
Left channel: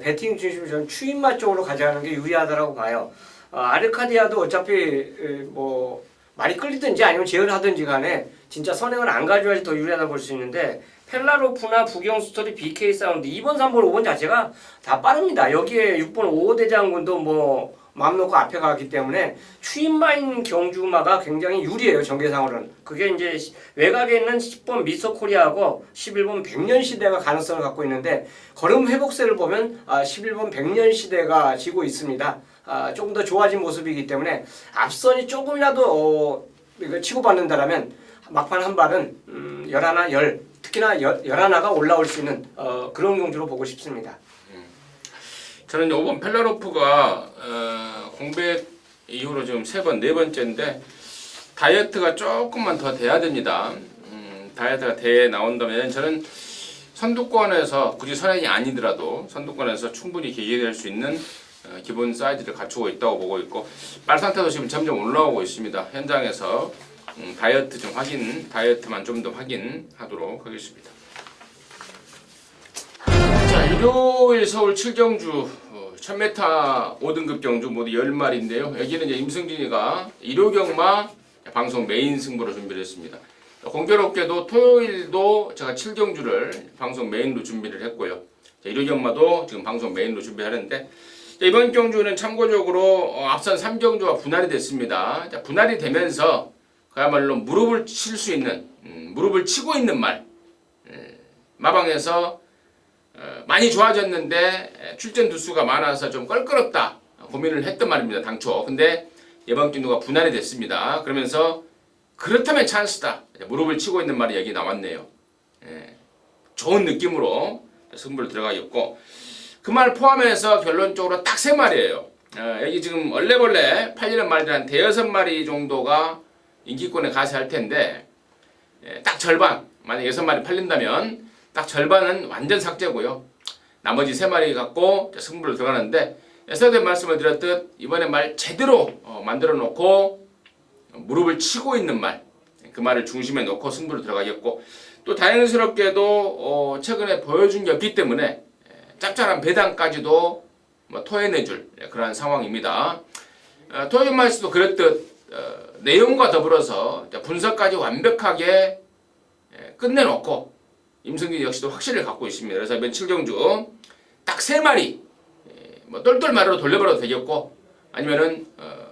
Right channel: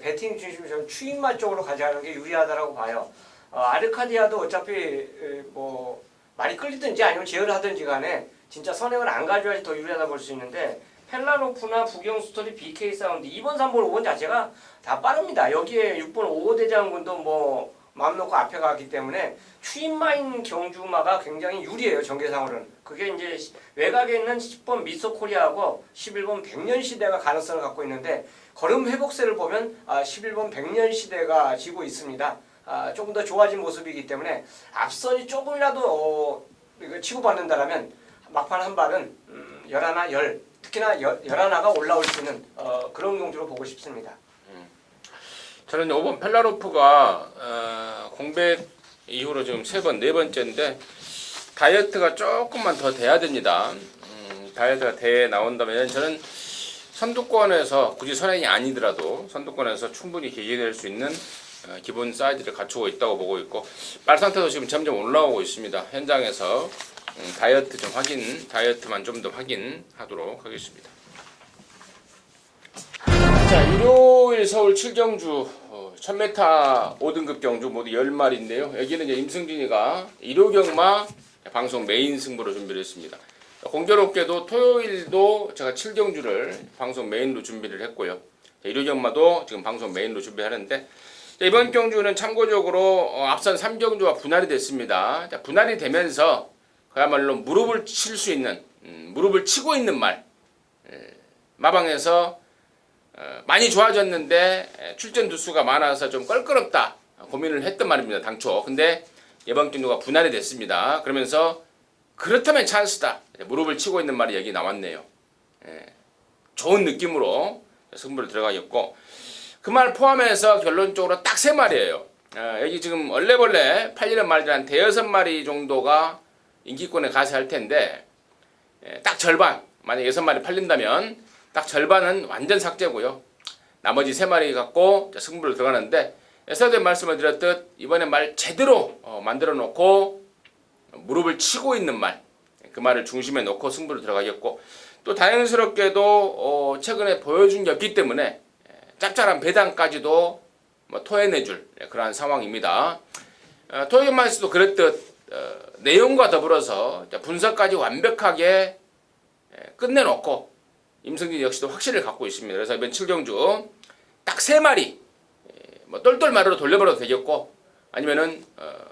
배팅 중심으로 저는 추임마 쪽으로 가져가는 게 유리하다라고 봐요. 아르카디아도 어차피 뭐 말이 끌리든지 아니면 제어를 하든지 간에 진짜 선행을 안 가져야지 더 유리하다 볼 수 있는데 펠라로프나 부경스토리 BK 사운드 2번, 3번, 5번 자체가 다 빠릅니다. 여기에 6번 5대장군도 뭐 마음 놓고 앞에 가기 때문에 추임마인 경주마가 굉장히 유리해요. 전개상으로는. 그게 이제 외곽에 있는 10번 미소코리아하고 11번 백년시대가 가능성을 갖고 있는데 걸음 회복세를 보면 11번 백년시대가 지고 있습니다. 조금 더 좋아진 모습이기 때문에 앞선이 조금이라도 치고받는다라면 막판 한 발은 11, 10 특히나 11가 올라올 수 있는 그런 경주로 보고 싶습니다. 저는 5번 펠라로프가 공백 이후로 지금 3번, 4번째인데 다이어트가 조금만 더 돼야 됩니다. 다이어트가 돼 나온다면 저는 선두권에서 굳이 선행이 아니더라도 선두권에서 충분히 기회될 수 있는 기본 사이즈를 갖추고 있다고 보고 있고 말 상태도 지금 점점 올라오고 있습니다. 현장에서 다이어트만 좀 더 확인하도록 하겠습니다. 자, 일요일 서울 7경주 1000m 5등급 경주 모두 10마리인데요. 여기는 이제 임승진이가 일요경마 방송 메인 승부로 준비를 했습니다. 공교롭게도 토요일도 제가 7경주를 방송 메인으로 준비를 했고요. 일요경마도 지금 방송 메인으로 준비하는데 이번 경주는 참고적으로 앞선 3경주와 분할이 됐습니다. 분할이 되면서 그야말로 무릎을 칠 수 있는 무릎을 치고 있는 말 마방에서 많이 좋아졌는데 출전 두수가 많아서 좀 껄끄럽다 고민을 했던 말입니다. 당초. 근데 이번 경주가 분할이 됐습니다. 그러면서 그렇다면 찬스다. 무릎을 치고 있는 말이 여기 나왔네요. 좋은 느낌으로 승부를 들어가겠고 그 말 포함해서 결론적으로 딱 3마리예요. 여기 지금 얼레벌레 팔리는 말들 한 5-6마리 정도가 인기권에 가세할 텐데 딱 절반 만약 6마리 팔린다면 딱 절반은 완전 삭제고요. 나머지 3마리 갖고 승부를 들어가는데 예전에 말씀을 드렸듯 이번에 말 제대로 만들어 놓고 무릎을 치고 있는 말 그 말을 중심에 놓고 승부를 들어가겠고 또 다행스럽게도 최근에 보여준 게 없기 때문에 짭짤한 배당까지도 토해내줄 그러한 상황입니다. 토요일마에서도 그랬듯 내용과 더불어서 분석까지 완벽하게 끝내놓고 임승진 역시도 확신을 갖고 있습니다. 그래서 이번 7경주 딱 3마리 똘똘마리로 돌려버려도 되겠고 아니면은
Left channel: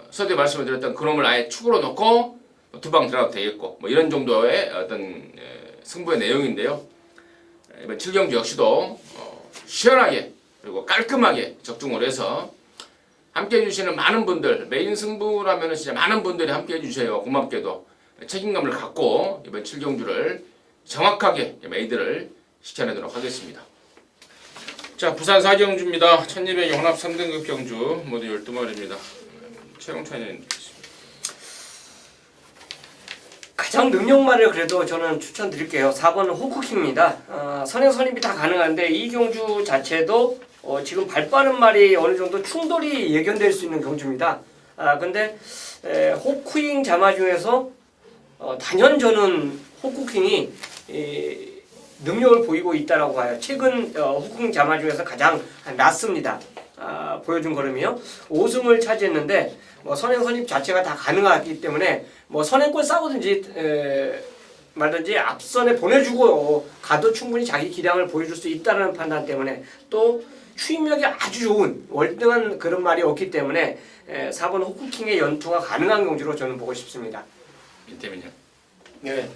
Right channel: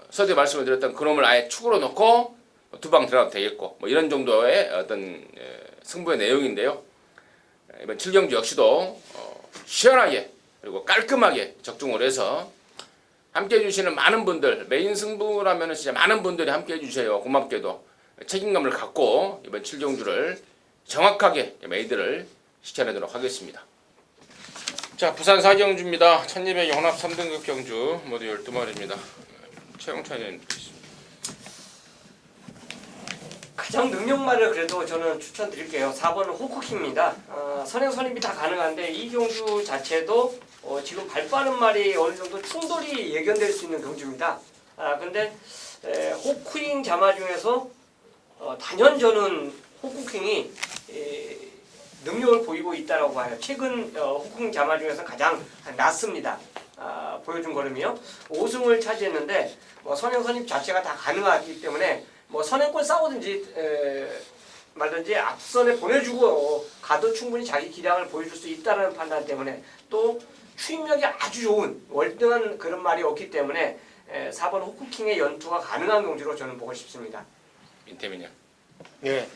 서두에 말씀을 드렸던 그놈을 아예 축으로 놓고 2방 들어가도 되겠고 이런 정도의 어떤 승부의 내용인데요. 이번 7경주 역시도 시원하게 그리고 깔끔하게 적중을 해서 함께 해주시는 많은 분들 메인 승부라면 진짜 많은 분들이 함께 해주세요. 고맙게도 책임감을 갖고 이번 7경주를 정확하게 메이드를 시켜내도록 하겠습니다. 자, 부산 4경주입니다. 1200 혼합 3등급 경주 모두 12마리입니다. 최영찬이 가장 능력말을 그래도 저는 추천드릴게요. 4번은 호크킹입니다. 선행 선임이 다 가능한데 이 경주 자체도 지금 발빠른 말이 어느 정도 충돌이 예견될 수 있는 경주입니다. 근데 호크킹 자마 중에서 단연 저는 호크킹이 능력을 보이고 있다라고 봐요. 최근 호크킹 자마 중에서 가장 낫습니다. 보여준 걸음이요. 5승을 차지했는데 선행 선임 자체가 다 가능하기 때문에 선행권 싸우든지 말든지 앞선에 보내주고 가도 충분히 자기 기량을 보여줄 수 있다는 판단 때문에 또 추임력이 아주 좋은 월등한 그런 말이 없기 때문에 4번 호쿠킹의 연투가 가능한 경주로 저는 보고 싶습니다. 인태민요. 네.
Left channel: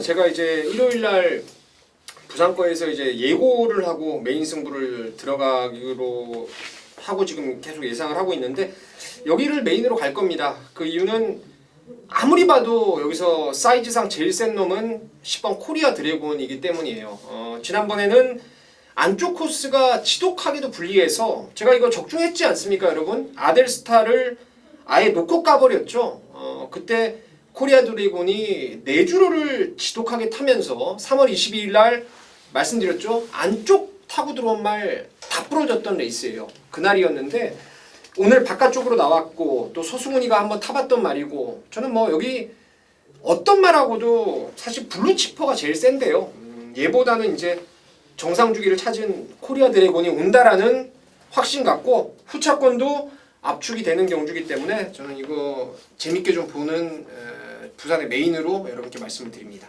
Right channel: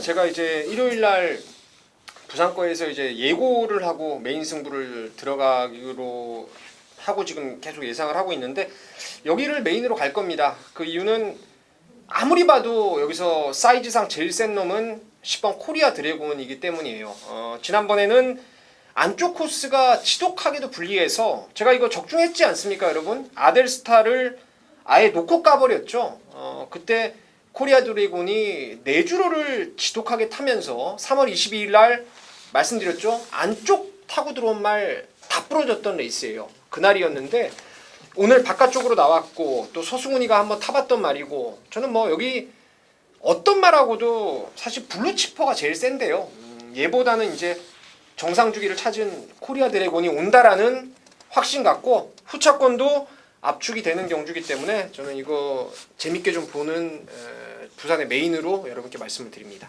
제가 이제 일요일 날 부산거에서 이제 예고를 하고 메인 승부를 들어가기로 하고 지금 계속 예상을 하고 있는데 여기를 메인으로 갈 겁니다. 그 이유는 아무리 봐도 여기서 사이즈상 제일 센 놈은 10번 코리아 드래곤이기 때문이에요. 지난번에는 안쪽 코스가 지독하게도 불리해서 제가 이거 적중했지 않습니까, 여러분? 아델스타를 아예 놓고 까버렸죠. 그때 코리아 드래곤이 내주로를 지독하게 타면서 3월 22일 날 말씀드렸죠. 안쪽 타고 들어온 말 다 부러졌던 레이스예요. 그날이었는데 오늘 바깥쪽으로 나왔고 또 소승훈이가 한번 타봤던 말이고 저는 뭐 여기 어떤 말하고도 사실 블루치퍼가 제일 센데요. 얘보다는 이제 정상 주기를 찾은 코리아 드래곤이 온다라는 확신 갖고 후차권도 압축이 되는 경주기 때문에 저는 이거 재밌게 좀 보는 부산의 메인으로 여러분께 말씀을 드립니다.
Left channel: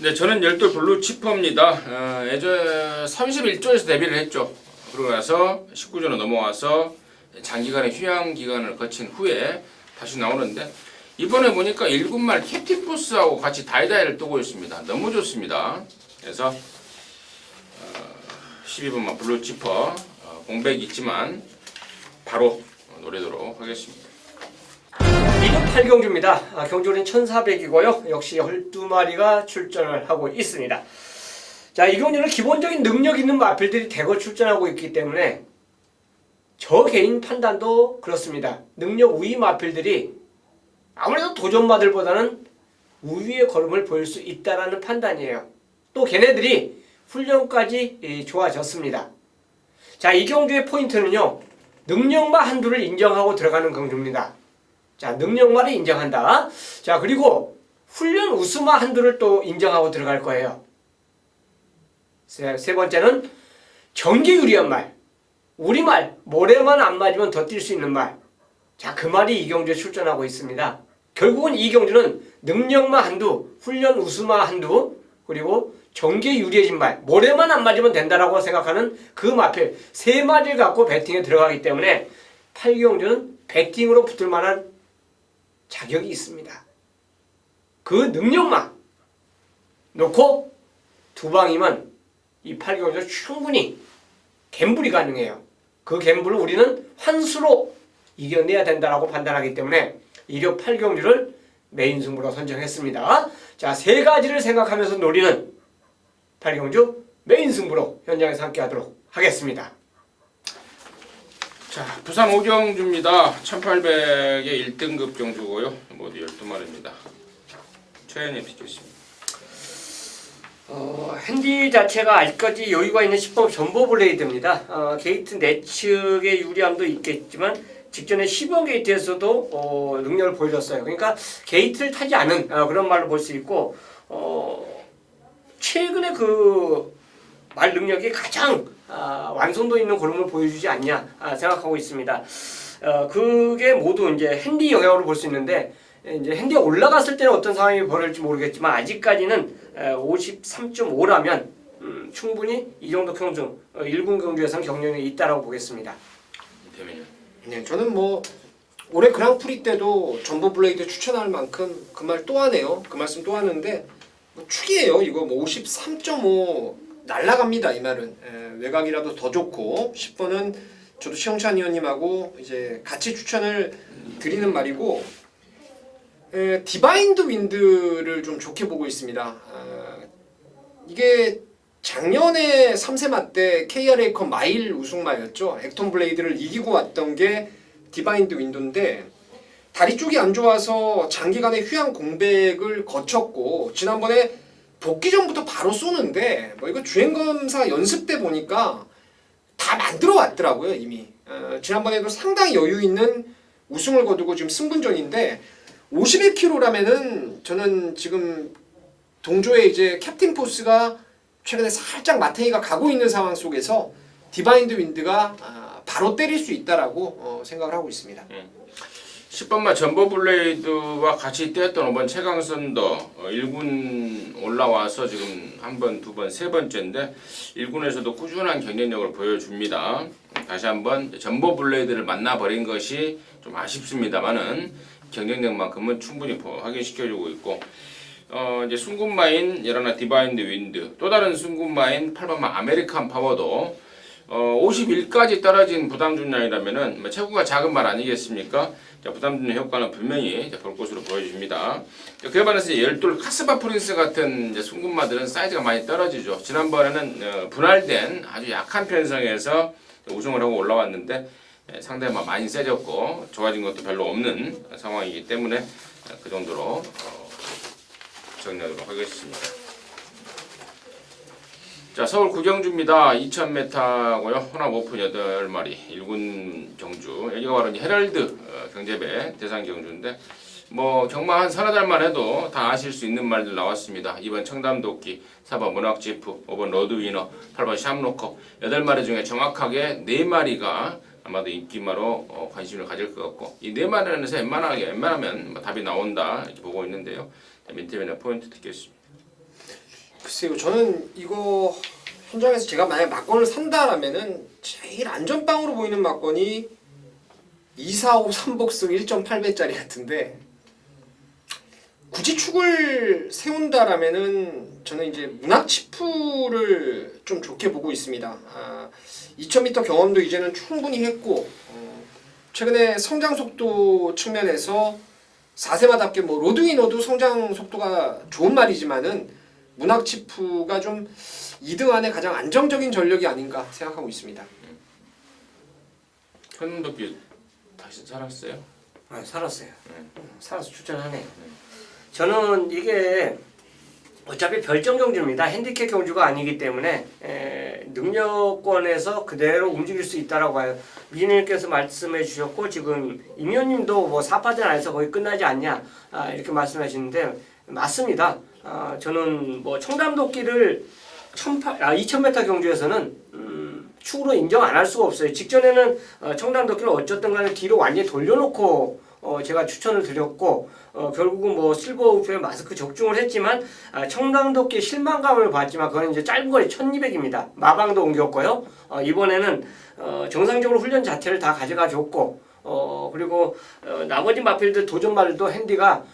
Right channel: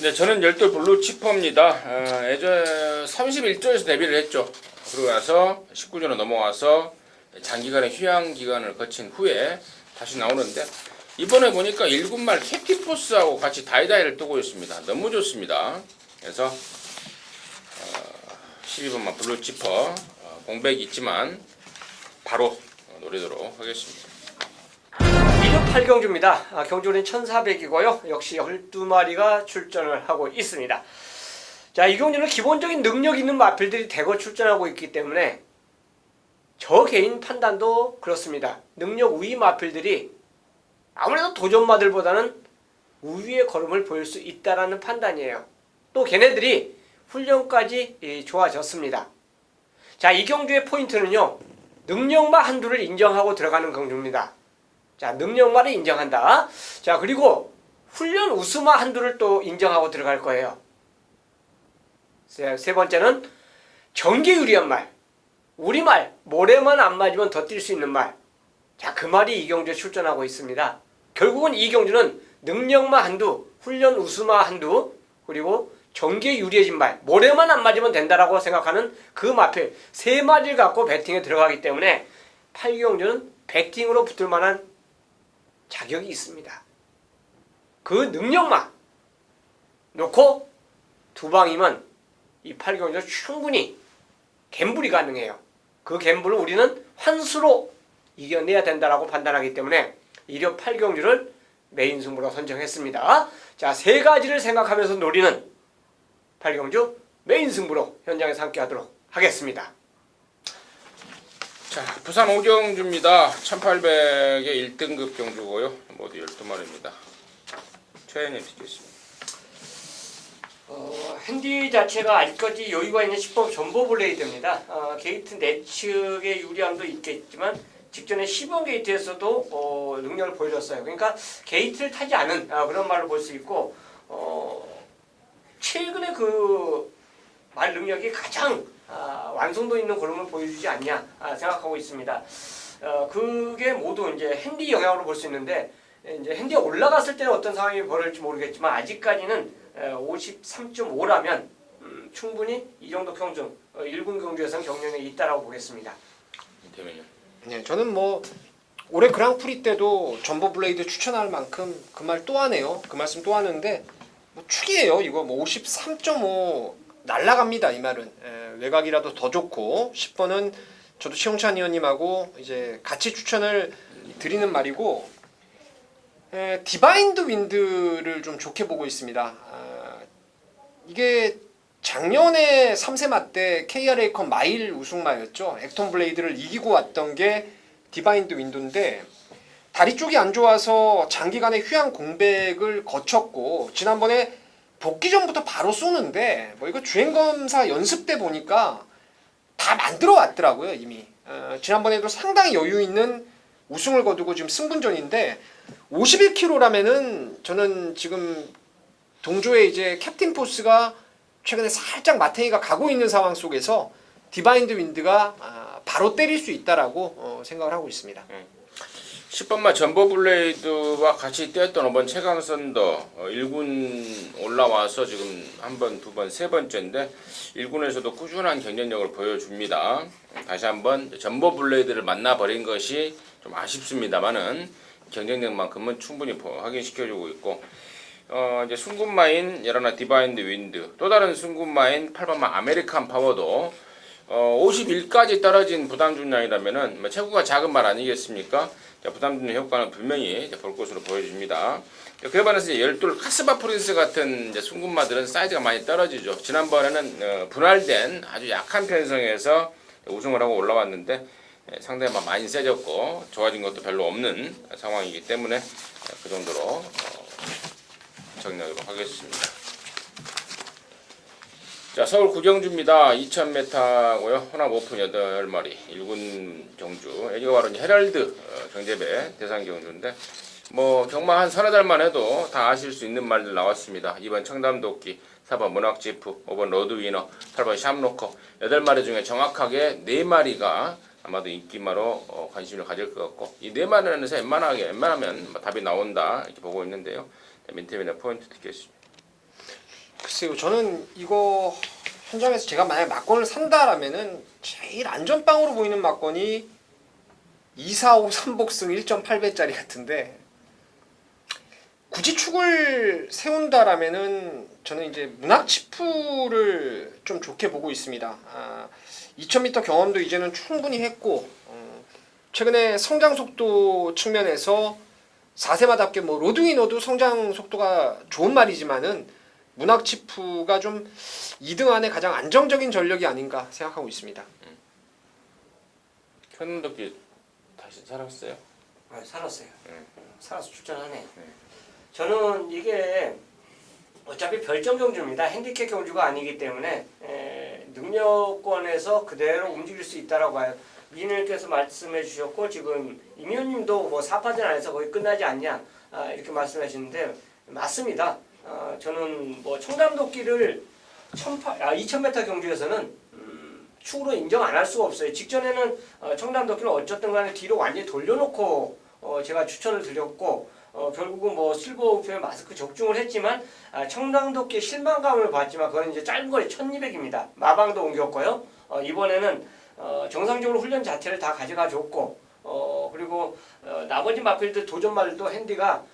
네, 저는 열돌 블루 치퍼입니다. 예전에 31조에서 데뷔를 했죠. 그러고 나서 19조로 넘어와서 장기간의 휴양 기간을 거친 후에 다시 나오는데 이번에 보니까 1군말 캡틴포스하고 같이 다이다이를 뜨고 있습니다. 너무 좋습니다. 그래서 12번만 블루 치퍼 공백 있지만 바로 노리도록 하겠습니다. 2등 8경주입니다. 경주는 1400이고요. 역시 12마리가 출전을 하고 있습니다. 자, 이 경주는 기본적인 능력 있는 마필들이 대거 출전하고 있기 때문에 저 개인 판단도 그렇습니다. 능력 우위 마필들이 아무래도 도전마들보다는 우위의 걸음을 보일 수 있다라는 판단이에요. 또 걔네들이 훈련까지 좋아졌습니다. 자, 이 경주의 포인트는요. 능력마 한두를 인정하고 들어가는 경주입니다. 자, 능력마를 인정한다. 자, 그리고 훈련 우수마 한두를 또 인정하고 들어갈 거예요. 세 번째는 경기 유리한 말. 우리말, 모래만 안 맞으면 더 뛸 수 있는 말. 자, 그 말이 이 경주에 출전하고 있습니다. 결국은 이 경주는 능력마 한두, 훈련 우수마 한두, 그리고 경기에 유리해진 말, 모래만 안 맞으면 된다라고 생각하는 그 마필 세 마리를 갖고 배팅에 들어가기 때문에 8경주는 배팅으로 붙을 만한 자격이 있습니다. 그 능력만 놓고 두 방이면 이 8경주 충분히 갬블이 가능해요. 그 갬블을 우리는 환수로 이겨내야 된다라고 판단하기 때문에 1호 8경주를 메인 승부로 선정했습니다. 자, 세 가지를 생각하면서 노리는 8경주 메인 승부로 현장에서 함께 하도록 하겠습니다. 자, 부산 5경주입니다. 1800의 1등급 경주고요. 모두 12마리입니다. 최현희 피켓입니다. 핸디 자체가 아직까지 여유가 있는 10번 전보 블레이드입니다. 게이트 내측의 유리함도 있겠지만 직전에 10번 게이트에서도 능력을 보여줬어요. 그러니까 게이트를 타지 않은 그런 말로 볼 수 있고 최근에 그 말 능력이 가장 완성도 있는 걸음을 보여주지 않냐 생각하고 있습니다. 그게 모두 이제 핸디 영향으로 볼 수 있는데 이제 핸디가 올라갔을 때는 어떤 상황이 벌어질지 모르겠지만 아직까지는 53.5라면 충분히 이 정도 경주 1군 경주에서는 경륜이 있다라고 보겠습니다. 이태민요. 네, 저는 뭐 올해 그랑프리 때도 전보 블레이드 추천할 만큼 그 말 또 하네요. 그 말씀 또 하는데 뭐 축이에요. 이거 뭐 53.5 날라갑니다. 이 말은 외곽이라도 더 좋고 10번은 저도 시영찬 의원님하고 이제 같이 추천을 드리는 말이고 디바인드 윈드를 좀 좋게 보고 있습니다. 이게 작년에 3세마 때 KRA컵 마일 우승마였죠. 액톤 블레이드를 이기고 왔던 게 디바인드 윈도인데 다리 쪽이 안 좋아서 장기간의 휴양 공백을 거쳤고 지난번에 복귀 전부터 바로 쏘는데 뭐 이거 주행검사 연습 때 보니까 다 만들어 왔더라고요 이미. 지난번에도 상당히 여유 있는 우승을 거두고 지금 승분전인데 51kg라면은 저는 지금 동조에 이제 캡틴 포스가 최근에 살짝 마탱이가 가고 있는 상황 속에서 디바인드 윈드가 바로 때릴 수 있다라고 생각을 하고 있습니다. 10번마 전보블레이드와 같이 뛰었던 5번 최강선더 1군 올라와서 지금 한 번, 두 번, 세 번째인데 1군에서도 꾸준한 경쟁력을 보여줍니다. 다시 한번 전보블레이드를 만나버린 것이 좀 아쉽습니다만은 경쟁력만큼은 충분히 확인시켜주고 있고 이제 순군마인 여러나 디바인드 윈드 또 다른 순군마인 8번마 아메리칸 파워도 51까지 떨어진 부담중량이라면은 체구가 작은 말 아니겠습니까? 부담중량 효과는 분명히 볼 것으로 보여집니다. 그에 반해서 열둘 카스바 프린스 같은 순군마들은 사이즈가 많이 떨어지죠. 지난번에는 분할된 아주 약한 편성에서 우승을 하고 올라왔는데 상당히 많이 세졌고 좋아진 것도 별로 없는 상황이기 때문에 그 정도로 정리하도록 하겠습니다. 자, 서울 구경주입니다. 2000m고요. 혼합 오픈 8마리 1군 경주. 여기가 바로 이제 헤럴드 경제배 대상 경주인데 뭐 경마 한 서너 달만 해도 다 아실 수 있는 말들 나왔습니다. 2번 청담도끼, 4번 문학지프, 5번 로드위너, 8번 샴로커 8마리 중에 정확하게 4마리가 아마도 인기마로 관심을 가질 것 같고 이 4마리에서 웬만하면 답이 나온다 이렇게 보고 있는데요. 맨 termine 포인트 듣겠습니다. 글쎄요, 저는 이거 현장에서 제가 만약 막권을 산다라면은 제일 안전빵으로 보이는 막권이 245 3복승 1.8배짜리 같은데 굳이 축을 세운다라면은 저는 이제 문학치프를 좀 좋게 보고 있습니다. 2000m 경험도 이제는 충분히 했고 최근에 성장 속도 측면에서 4세마답게 뭐 로드위너도 성장 속도가 좋은 말이지만은 문학치프가 좀 2등 안에 가장 안정적인 전력이 아닌가 생각하고 있습니다. 현문도끼 다시 살았어요? 아, 살았어요. 살아서 출전하네. 저는 이게 어차피 별정 경주입니다. 핸디캡 경주가 아니기 때문에 능력권에서 그대로 움직일 수 있다라고 봐요. 미인님께서 말씀해 주셨고 지금 임현님도 뭐 4파전 안에서 거의 끝나지 않냐 이렇게 말씀하시는데 맞습니다. 저는 뭐 청담도끼를 2000m 경주에서는 축으로 인정 안 할 수가 없어요. 직전에는 청담도끼를 어쨌든 간에 뒤로 완전히 돌려놓고 제가 추천을 드렸고 결국은 뭐 실버우프에 마스크 적중을 했지만 청담도끼 실망감을 봤지만 그건 이제 짧은 거리 1200입니다. 마방도 옮겼고요. 이번에는 정상적으로 훈련 자체를 다 가져가 줬고 그리고 나머지 마필들 도전말도 핸디가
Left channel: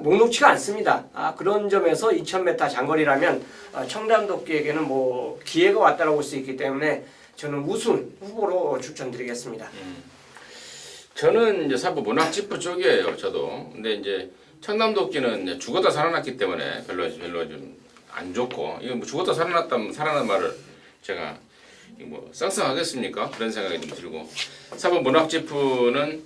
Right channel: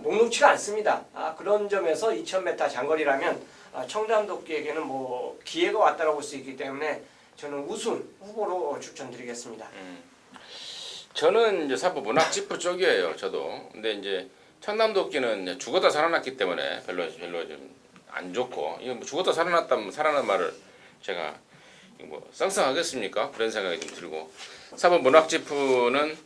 녹록치가 않습니다. 그런 점에서 2000m 장거리라면 청담도끼에게는 뭐 기회가 왔다라고 볼 수 있기 때문에 저는 우승 후보로 추천드리겠습니다. 저는 이제 사부 문학지프 쪽이에요. 저도. 근데 이제 청담도끼는 이제 죽었다 살아났기 때문에 별로 좀 안 좋고 이거 뭐 죽었다 살아났다면 살아난 말을 제가 뭐 쌍쌍하겠습니까? 그런 생각이 좀 들고 4번 문학지프는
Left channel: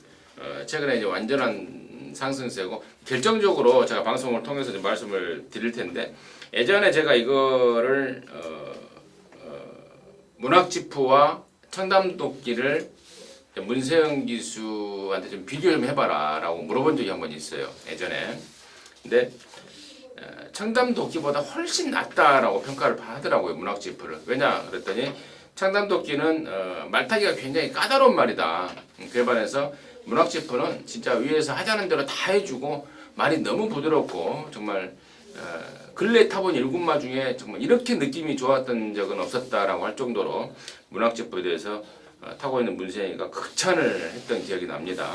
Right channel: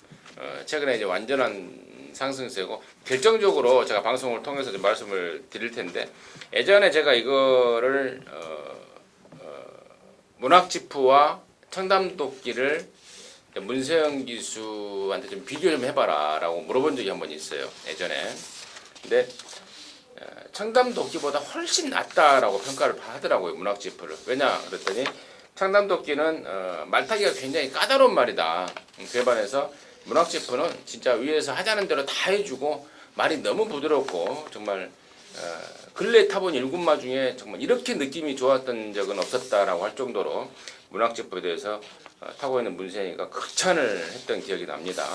최근에 이제 완전한 상승세고 결정적으로 제가 방송을 통해서 좀 말씀을 드릴 텐데 예전에 제가 이거를 문학지프와 청담도끼를 문세영 기수한테 좀 비교 좀 해봐라 라고 물어본 적이 한 번 있어요 예전에. 근데 청담도끼보다 훨씬 낫다라고 평가를 하더라고요 문학지프를. 왜냐 그랬더니 청담도끼는 말타기가 굉장히 까다로운 말이다. 그에 반해서 문학지프는 진짜 위에서 하자는 대로 다 해주고 말이 너무 부드럽고 정말 근래 타본 1군마 중에 정말 이렇게 느낌이 좋았던 적은 없었다라고 할 정도로 문학지프에 대해서 타고 있는 문세영이가 극찬을 했던 기억이 납니다.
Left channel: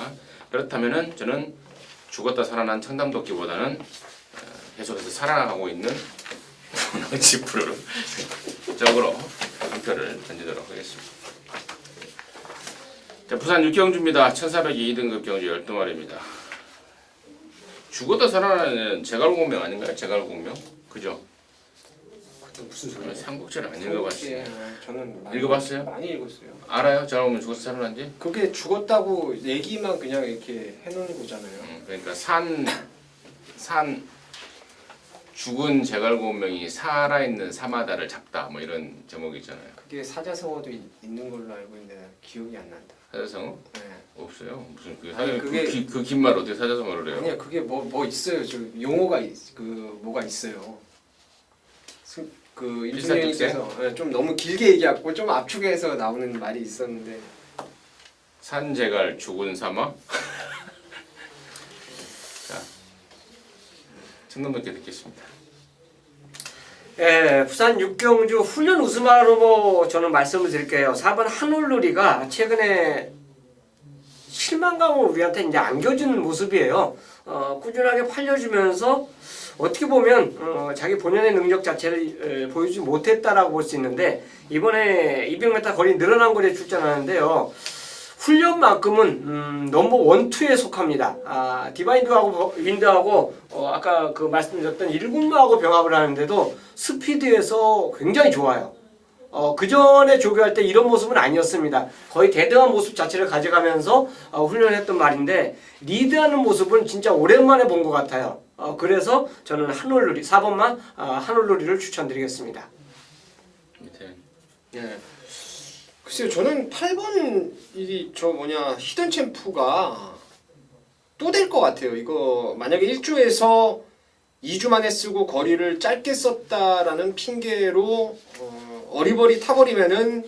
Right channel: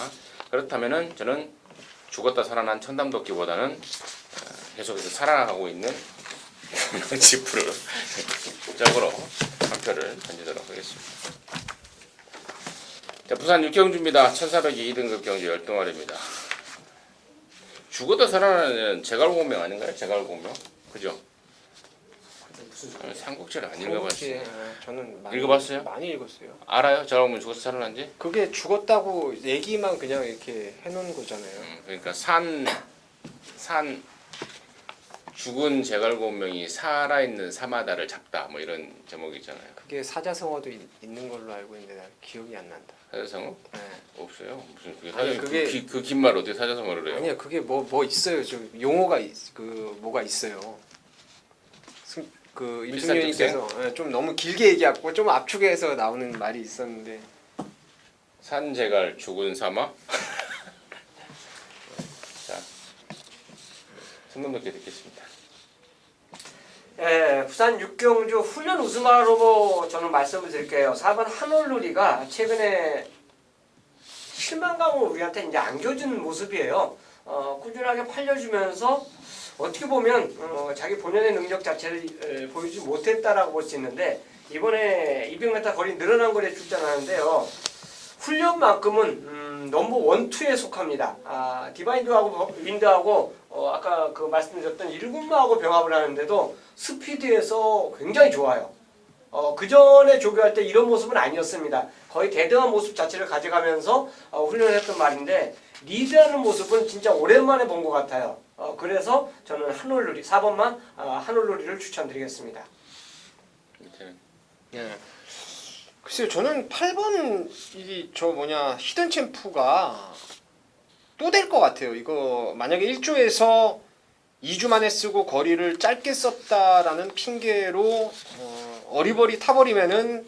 그렇다면은 저는 죽었다 살아난 청담도끼보다는 계속해서 살아나가고 있는 문학지프를 적으로 한 표를 던지도록 하겠습니다. 자, 부산 육경주입니다. 1402 2등급 경주 12마리입니다. 죽었다 살아나는 제갈공명 아닌가요? 제갈공명? 그죠? 무슨 소리야? 삼국지를 안 읽어봤어요. 저는 읽어봤어요? 많이 읽었어요. 알아요? 제갈공명 죽었다 살아난지? 그게 죽었다고 얘기만 그냥 이렇게 해놓은 거잖아요. 그러니까 산 죽은 제갈공명이 살아있는 사마다를 잡다 뭐 이런 제목이 있잖아요. 그게 사자성어도 있는 걸로 알고 있는데 난 기억이 안 난다. 사자성어? 네. 없어요. 무슨 아니, 그게- 그 긴 말 어떻게 사자성어를 해요? 아니야 그게 뭐 있어요. 좀 용어가 뭐가 있어요. 그 임승현님께서 좀 너무 길게 얘기하고 좀 압축해서 나오는 말이 있었는데 산제갈 죽은 사마? 청담동께 듣겠습니다. 예, 부산 6경주 훈련 우승하라고 저는 말씀을 드릴게요. 4번 한올누리가 최근에 실망감을 우리한테 이제 안겨주는 모습이에요. 꾸준하게 팔려주면서 어떻게 보면 자기 본연의 능력 자체를 보여주지 못했다라고 볼 수 있는데 이번에 200m 거리 늘어난 거리에 출전하는데요. 훈련만큼은 넘버 1, 2에 속합니다. 디바인드하고 윈드하고 아까 그 말씀드렸던 1군마하고 병합을 하는데도 스피드에서 굉장히 좋아요. 그 전에 조교할 때 이런 모습은 아니었습니다. 거의 대등한 모습 자체를 가져가면서 훈련했던 말인데 리드하는 모습은 진짜 오랜만에 본 것 같아요. 그래서 저는 한올누리 4번만 한올누리를 추천드리겠습니다. 예. 글쎄요, 저는 8번 히든 챔프가 또 될 것 같아요. 이거 만약에 1조에서 2주 만에 쓰고 거리를 짧게 썼다라는 핑계로 어리버리 타버리면은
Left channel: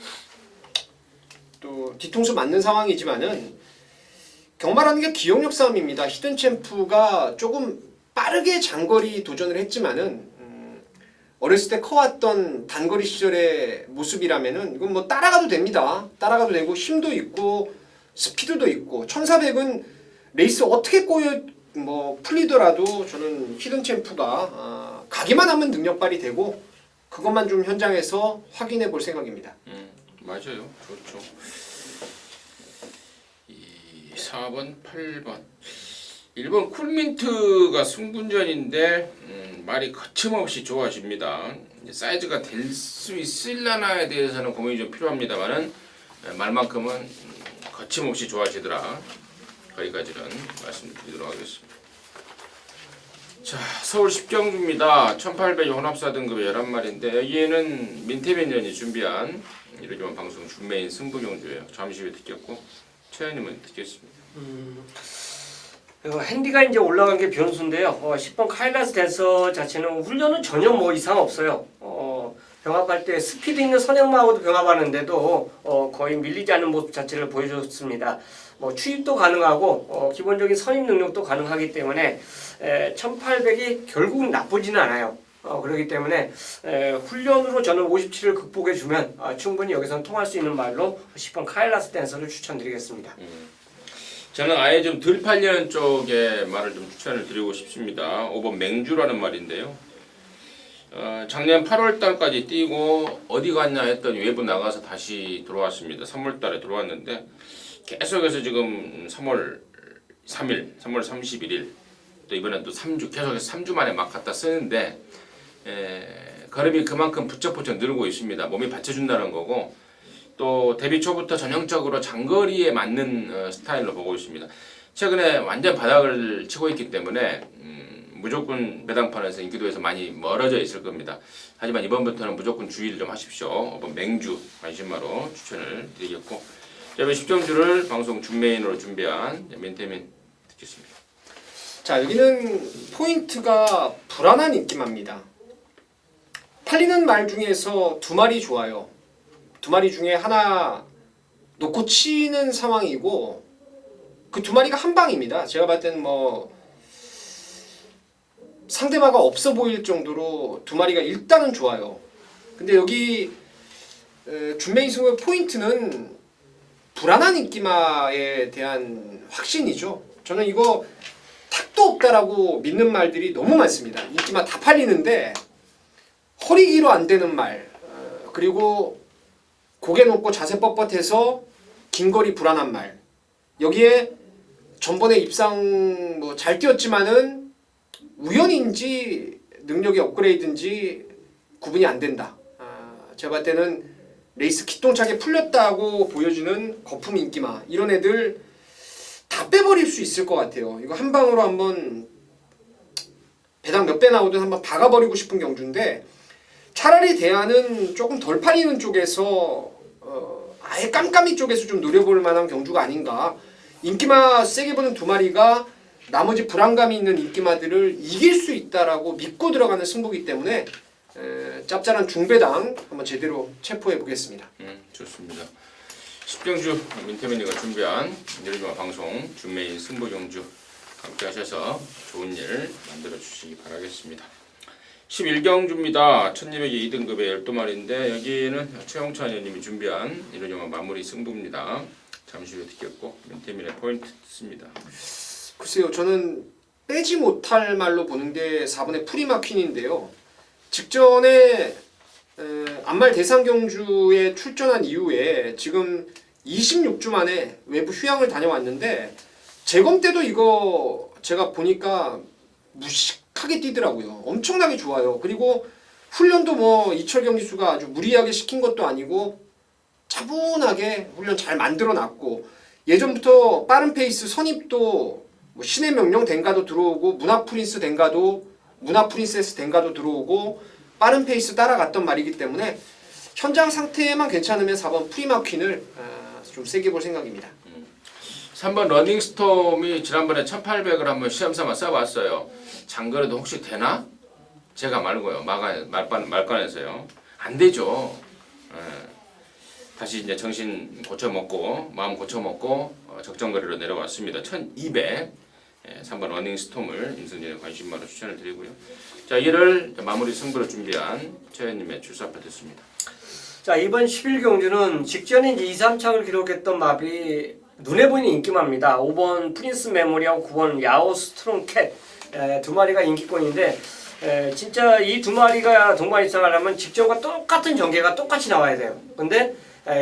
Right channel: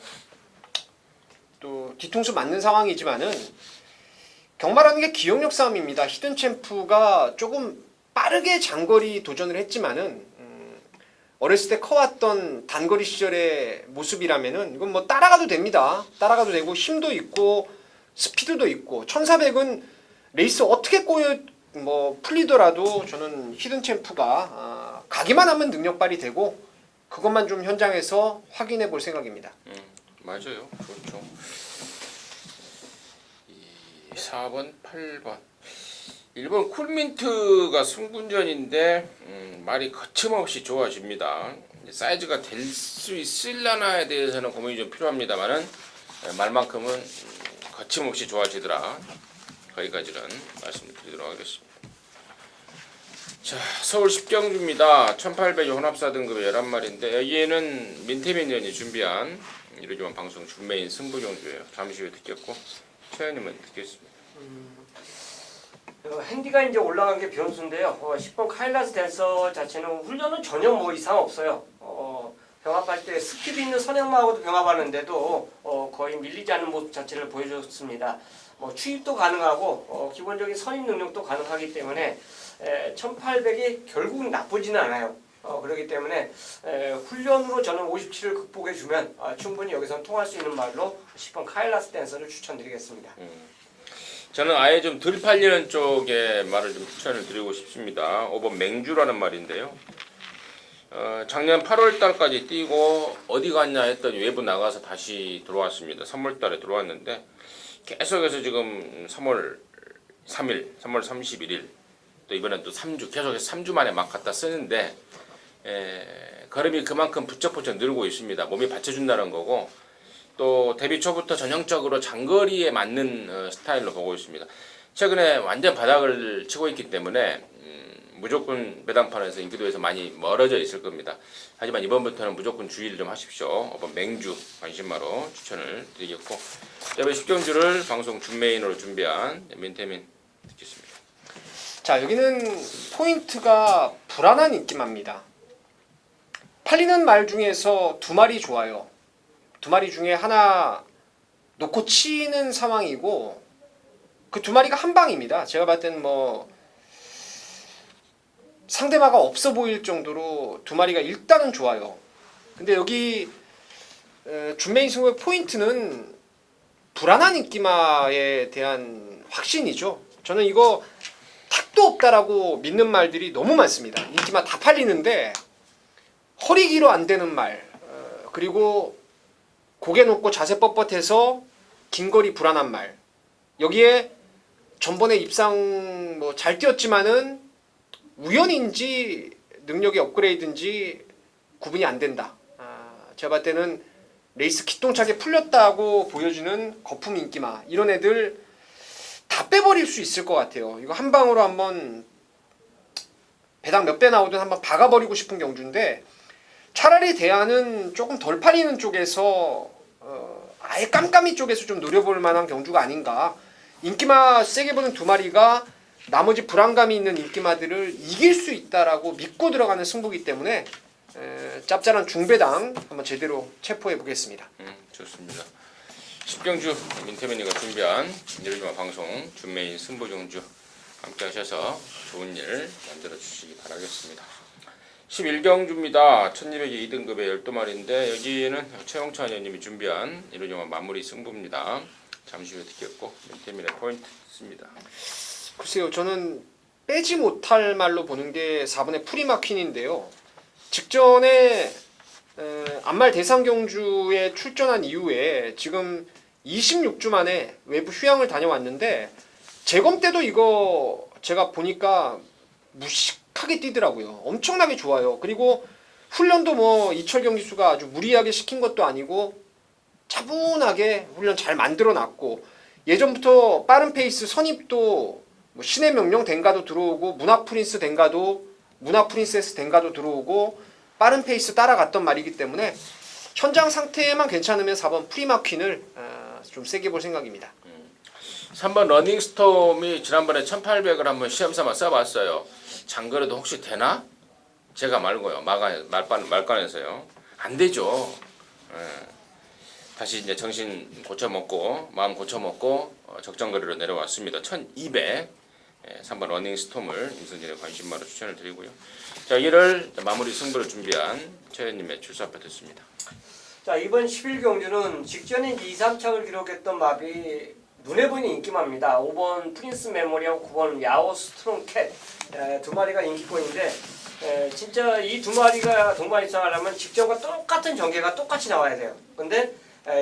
또 뒤통수 맞는 상황이지만은 경마라는 게 기억력 싸움입니다. 히든 챔프가 조금 빠르게 장거리 도전을 했지만은 어렸을 때 커왔던 단거리 시절의 모습이라면은 이건 뭐 따라가도 됩니다. 따라가도 되고 힘도 있고 스피드도 있고 1400은 레이스 어떻게 풀리더라도 저는 히든 챔프가 가기만 하면 능력 발휘되고 그것만 좀 현장에서 확인해 볼 생각입니다. 맞아요. 좋죠. 4번, 8번. 1번 쿨민트가 승분전인데 말이 거침없이 좋아집니다. 사이즈가 될 수 있을려나에 대해서는 고민이 좀 필요합니다만은 말만큼은 거침없이 좋아지더라. 거기까지는 말씀드리도록 하겠습니다. 자, 서울 10경주입니다. 1800 혼합사 등급의 11마리인데 여기에는 민태민전이 준비한 이러지만 방송 준메인 승부경주예요. 잠시 후에 듣겠고 최현님은 듣겠습니다. 핸디가 이제 올라간 게 변수인데요. 10번 카일라스 댄서 자체는 훈련은 전혀 뭐 이상 없어요. 병합할 때 스피드 있는 선행마하고도 병합하는데도 거의 밀리지 않는 모습 자체를 보여줬습니다. 추입도 가능하고 기본적인 선임 능력도 가능하기 때문에 1800이 결국 나쁘지는 않아요. 그렇기 때문에 훈련으로 저는 57을 극복해주면 충분히 여기서는 통할 수 있는 말로 10번 카일라스 댄서를 추천드리겠습니다. 저는 아예 좀 덜 팔리는 쪽에 말을 좀 추천을 드리고 싶습니다. 5번 맹주라는 말인데요. 작년 8월달까지 뛰고 어디 갔냐 했더니 외부 나가서 다시 들어왔습니다. 3월달에 들어왔는데 계속해서 지금 3월 3일, 3월 31일 또 이번엔 또 3주 계속해서 3주 만에 막 갖다 쓰는데 걸음이 그만큼 부쩍부쩍 늘고 있습니다. 몸이 받쳐준다는 거고 또 데뷔 초부터 전형적으로 장거리에 맞는 스타일로 보고 있습니다. 최근에 완전 바닥을 치고 있기 때문에 무조건 매당판에서 인기도에서 많이 멀어져 있을 겁니다. 하지만 이번부터는 무조건 주의를 좀 하십시오. 이번 맹주 관심마로 추천을 드리겠고 이번 10경주를 방송 준메인으로 준비한 민태민 듣겠습니다. 자, 여기는 포인트가 불안한 인기마입니다. 팔리는 말 중에서 2마리 좋아요. 2마리 중에 하나 놓고 치는 상황이고 그 2마리가 한 방입니다. 제가 봤을 때는 상대마가 없어 보일 정도로 2마리가 일단은 좋아요. 근데 여기 준메인 승부의 포인트는 불안한 인기마에 대한 확신이죠. 저는 이거 탁도 없다라고 믿는 말들이 너무 많습니다. 인기마 다 팔리는데 허리기로 안 되는 말 그리고 고개 높고 자세 뻣뻣해서 긴거리 불안한 말 여기에 전번에 입상 잘 뛰었지만은 우연인지 능력이 업그레이드인지 구분이 안 된다. 제가 봤을 때는 레이스 기똥차게 풀렸다고 보여주는 거품 인기마 이런 애들 다 빼버릴 수 있을 것 같아요. 이거 한 방으로 한번 배당 몇 배 나오든 한번 박아버리고 싶은 경주인데 차라리 대안은 조금 덜 팔리는 쪽에서 아예 깜깜이 쪽에서 좀 노려볼 만한 경주가 아닌가. 인기마 세게 보는 2마리가 나머지 불안감이 있는 인기마들을 이길 수 있다라고 믿고 들어가는 승부이기 때문에 짭짤한 중배당 한번 제대로 체포해 보겠습니다. 좋습니다. 10경주 민태민이가 준비한 이르지마 방송 준메인 승부경주 함께 하셔서 좋은 일 만들어 주시기 바라겠습니다. 11경주입니다. 1200의 2등급의 12마리인데 여기는 최홍찬 의원님이 준비한 이루정한 마무리 승부입니다. 잠시 후에 듣겠고 멘테밀의 포인트 듣습니다. 글쎄요, 저는 빼지 못할 말로 보는 게 4번의 프리마퀸인데요. 직전에 안말 대상경주에 출전한 이후에 지금 26주 만에 외부 휴양을 다녀왔는데 재검 때도 이거 제가 보니까 무식하게 뛰더라고요. 엄청나게 좋아요. 그리고 훈련도 뭐 이철 경기수가 아주 무리하게 시킨 것도 아니고 차분하게 훈련 잘 만들어놨고 예전부터 빠른 페이스 선입도 뭐 신의 명령 댕가도 들어오고 문화 프린스 댕가도 문화 프린세스 댕가도 들어오고 빠른 페이스 따라갔던 말이기 때문에 현장 상태에만 괜찮으면 4번 프리마퀸을 좀 세게 볼 생각입니다. 3번 러닝스톰이 지난번에 1800을 한번 시험삼아 써봤어요. 장거리도 혹시 되나? 제가 말고요. 말관에서요. 안 되죠. 다시 이제 정신 고쳐먹고 마음 고쳐먹고 적정거리로 내려왔습니다. 1200 3번 러닝스톰을 인선진의 관심마로 추천을 드리고요. 자, 이를 마무리 승부를 준비한 최현님의 출사표 듣습니다. 자, 이번 11경주는 직전에 2, 3창을 기록했던 마비 눈에 보이는 인기마입니다. 5번 프린스 메모리하고 9번 야오 스트롱 캣 두 마리가 인기권인데 진짜 이 두 마리가 동반 입상을 하면 직전과 똑같은 전개가 똑같이 나와야 돼요. 근데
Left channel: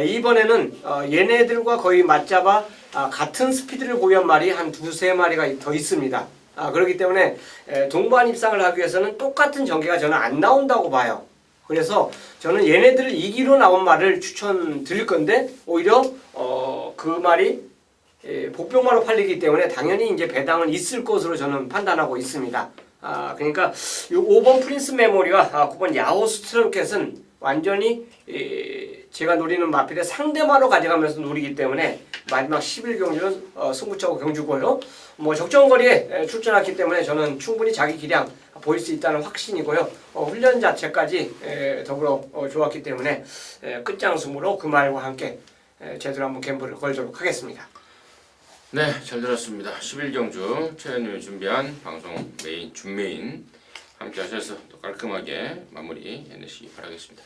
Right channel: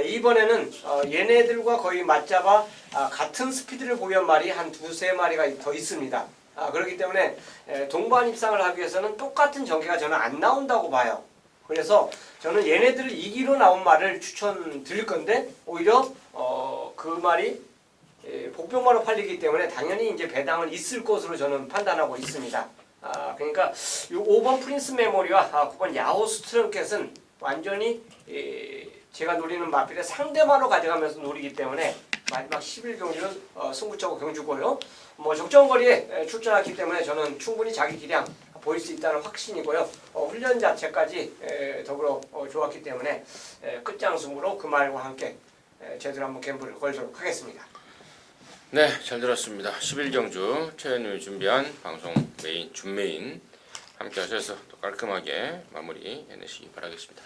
이번에는 얘네들과 거의 맞잡아 같은 스피드를 보유한 말이 한 두세 마리가 더 있습니다. 그렇기 때문에 동반 입상을 하기 위해서는 똑같은 전개가 저는 안 나온다고 봐요. 그래서 저는 얘네들을 이기로 나온 말을 추천드릴 건데 오히려 그 말이 복병마로 팔리기 때문에 당연히 이제 배당은 있을 것으로 저는 판단하고 있습니다. 그러니까 요 5번 프린스 메모리와 9번 야호 스트롱캣은 완전히 제가 노리는 마필의 상대마로 가져가면서 노리기 때문에 마지막 11경주는 승부차고 경주고요. 뭐 적정거리에 출전했기 때문에 저는 충분히 자기 기량 보일 수 있다는 확신이고요. 훈련 자체까지 더불어 좋았기 때문에 끝장승으로 그 말과 함께 제대로 한번 갬블을 걸도록 하겠습니다. 네, 잘 들었습니다. 11경주 최현님이 준비한 방송 준메인 함께 하셔서 또 깔끔하게 마무리 해내시기 바라겠습니다.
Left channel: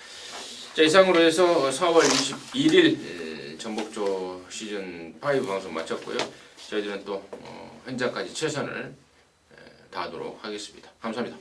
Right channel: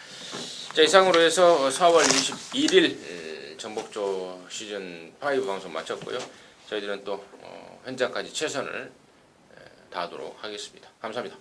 자, 이상으로 해서 4월 21일 전복조 시즌 5 방송 마쳤고요. 저희들은 또 현장까지 최선을 다하도록 하겠습니다. 감사합니다.